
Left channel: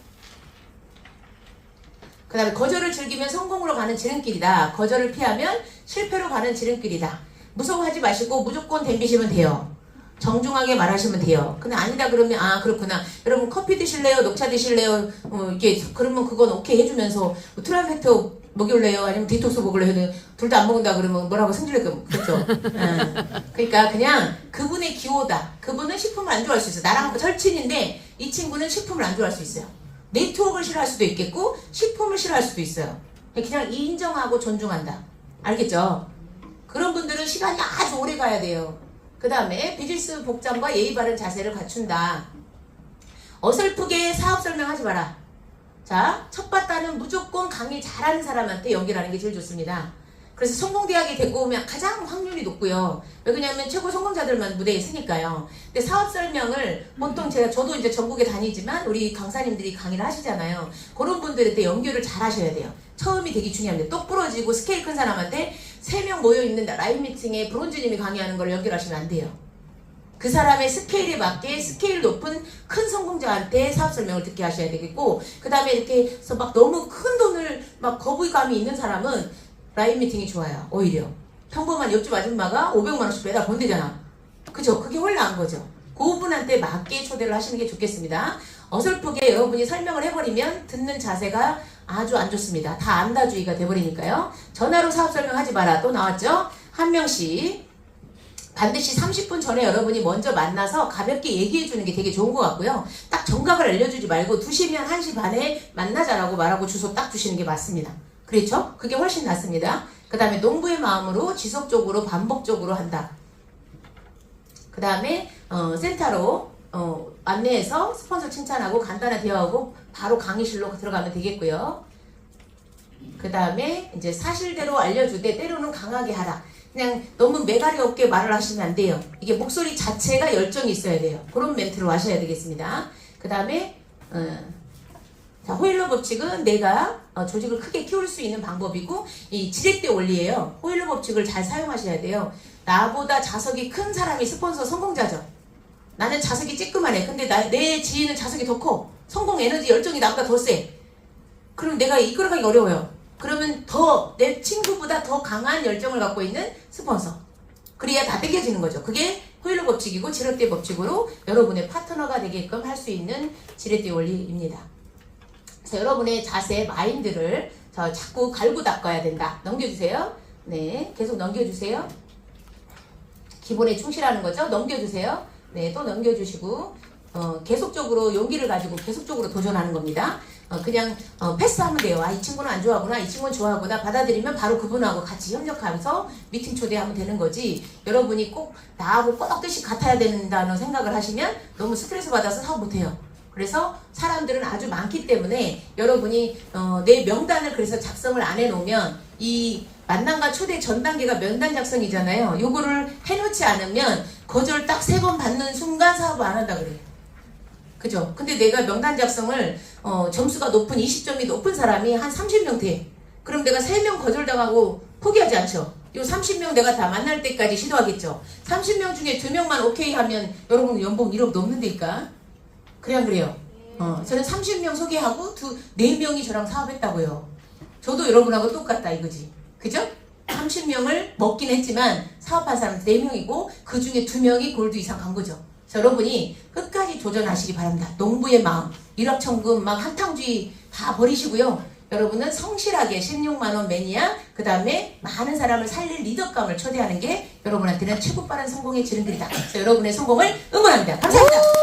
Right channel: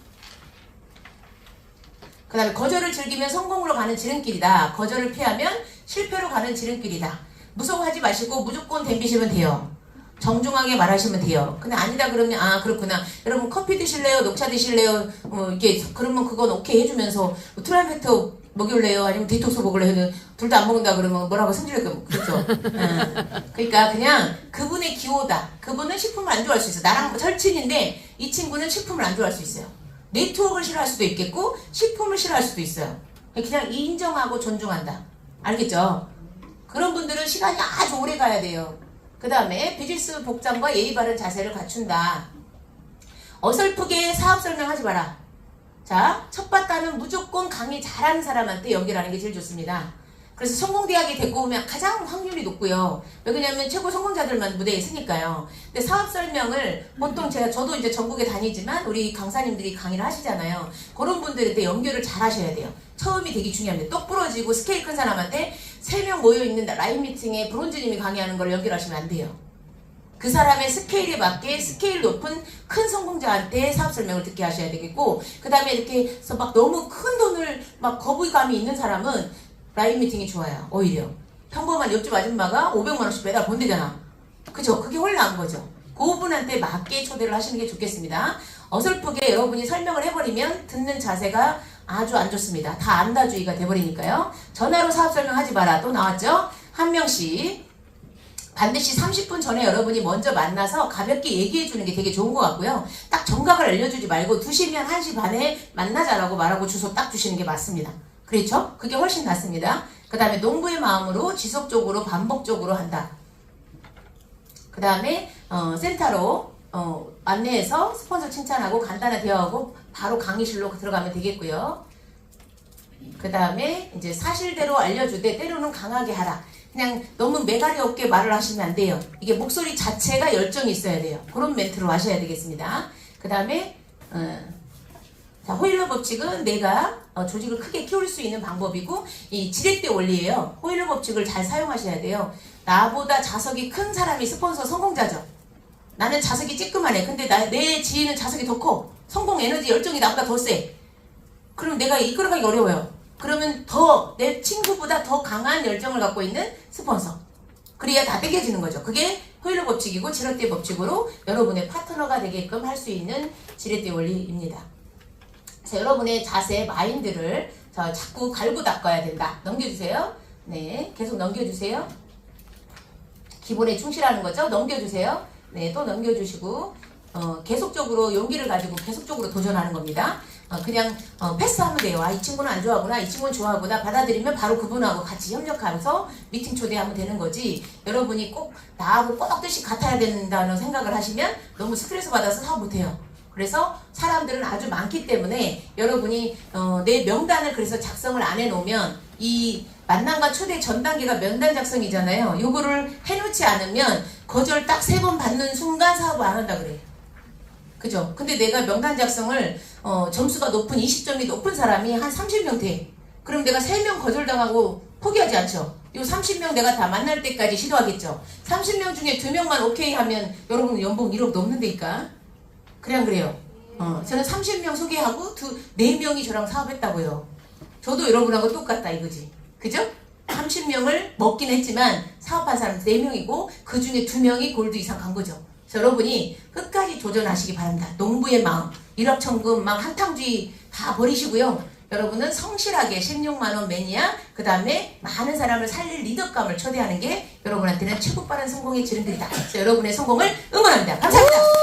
그 다음에 거절을 즐기면 성공으로 가는 지름길이다. 거절을 피하면 실패로 가는 지름길이다. 무서워하지 마시고 무조건 덤비시면 돼요. 정중하게 말하시면 돼요. 근데 아니다 그러면 그렇구나. 여러분 커피 드실래요? 녹차 드실래요? 이게 그러면 그건 오케이 해주면서 트라이팩터 먹일래요? 아니면 디톡스 먹을래요? 둘 다 안 먹는다 그러면 뭐라고 승질낼 거 그렇죠? 그러니까 그냥 그분의 기호다. 그분은 식품을 안 좋아할 수 있어요. 나랑 절친인데 이 친구는 식품을 안 좋아할 수 있어요. 네트워크를 싫어할 수도 있겠고 식품을 싫어할 수도 있어요. 그냥 인정하고 존중한다. 알겠죠? 그런 분들은 시간이 아주 오래 가야 돼요. 그 다음에 비즈니스 복장과 예의 바른 자세를 갖춘다. 어설프게 사업 설명하지 마라. 자, 첫 봤다는 무조건 강의 잘하는 사람한테 연결하는 게 제일 좋습니다. 그래서 성공대학에 데리고 오면 가장 확률이 높고요. 왜냐면 최고 성공자들만 무대에 있으니까요. 근데 사업 설명을 보통 저도 이제 전국에 다니지만 우리 강사님들이 강의를 하시잖아요. 그런 분들한테 연결을 잘 하셔야 돼요. 처음이 되게 중요합니다. 똑 부러지고 스케일 큰 사람한테 3명 모여있는 라인 미팅에 브론즈님이 강의하는 걸 연결하시면 안 돼요. 그 사람의 스케일에 맞게 스케일 높은 큰 성공자한테 사업 설명을 듣게 하셔야 되겠고, 그 다음에 이렇게 해서 막 너무 큰 돈을 막 거부감이 있는 사람은 라인 미팅이 좋아요. 오히려 평범한 옆집 아줌마가 500만 원씩 매달 본대잖아. 그죠? 그게 훨씬 나은 거죠. 그분한테 맞게 초대를 하시는 게 좋겠습니다. 어설프게 여러분이 설명을 해버리면 듣는 자세가 아주 안 좋습니다. 다 안다주의가 돼버리니까요. 전화로 사업 설명하지 마라. 또 나왔죠? 한 명씩 반드시 30분 전에 여러분이 먼저 만나서 가볍게 얘기해 주는 게 되게 좋은 것 같고요. 딱 정각을 알려주지 말고 2시면 1시 반에 만나자라고 말하고 주소 딱 주시는 게 맞습니다. 그렇죠? 그게 훨씬 낫습니다. 그 다음에 농부의 마음으로 지속적으로 반복적으로 한다. 그 다음에 센터로 안내해서 스폰서 칭찬하고 간단한 대화하고 바로 강의실로 들어가면 되겠고요. 그 다음에 이제 사실대로 알려주되 때로는 강하게 하라. 그냥 너무 매가리 없게 말을 하시면 안 돼요. 이게 목소리 자체가 열정이 있어야 돼요. 그런 멘트로 하셔야 되겠습니다. 그 다음에 자, 호일러 법칙은 내가 조직을 크게 키울 수 있는 방법이고 이 지렛대 원리예요. 호일러 법칙을 잘 사용하셔야 돼요. 나보다 자석이 큰 사람이 스폰서 성공자죠. 나는 자석이 찌끄만해. 근데 내 지인은 자석이 더 커. 성공 에너지 열정이 나보다 더 세. 그럼 내가 이끌어가기 어려워요. 그러면 더 내 친구보다 더 강한 열정을 갖고 있는 스폰서. 그래야 다 땡겨지는 거죠. 그게 호일러 법칙이고 지렛대 법칙으로 여러분의 파트너가 되게끔 할 수 있는 지렛대 원리입니다. 그래서 여러분의 자세, 마인드를 자꾸 갈고 닦아야 된다. 넘겨주세요. 네, 계속 넘겨주세요. 기본에 충실하는 거죠. 넘겨주세요. 네, 또 넘겨주시고 계속적으로 용기를 가지고 계속적으로 도전하는 겁니다. 그냥 패스하면 돼요. 아, 이 친구는 안 좋아하구나, 이 친구는 좋아하구나. 받아들이면 바로 그분하고 같이 협력하면서 미팅 초대하면 되는 거지. 여러분이 꼭 나하고 꼭 뜻이 같아야 된다는 생각을 하시면 너무 스트레스 받아서 사업 못해요. 그래서 사람들은 아주 많기 때문에 여러분이 내 명단을 그래서 작성을 안 해놓으면 이 만남과 초대 전 단계가 면단 작성이잖아요. 요거를 해놓지 않으면 거절 딱 3번 받는 순간 사업을 안 한다 그래요. 그죠? 근데 내가 명단 작성을 점수가 높은 20점이 높은 사람이 한 30명 돼. 그럼 내가 3명 거절당하고 포기하지 않죠? 요 30명 내가 다 만날 때까지 시도하겠죠? 30명 중에 2명만 오케이 하면 여러분 연봉 1억 넘는다니까? 그냥 그래요. 저는 30명 소개하고 4명이 저랑 사업했다고요. 저도 여러분하고 똑같다 이거지. 그죠? 30명을 먹긴 했지만 사업한 사람은 4명이고 그 중에 2명이 골드 이상 간 거죠. 그래서 여러분이 끝까지 도전하시기 바랍니다. 농부의 마음, 일확천금 막 한탕주의 다 버리시고요. 여러분은 성실하게 16만원 매니아, 그 다음에 많은 사람을 살릴 리더감을 초대하는 게 여러분한테는 최고 빠른 성공의 지름길이다. 그래서 여러분의 성공을 응원합니다. 감사합니다.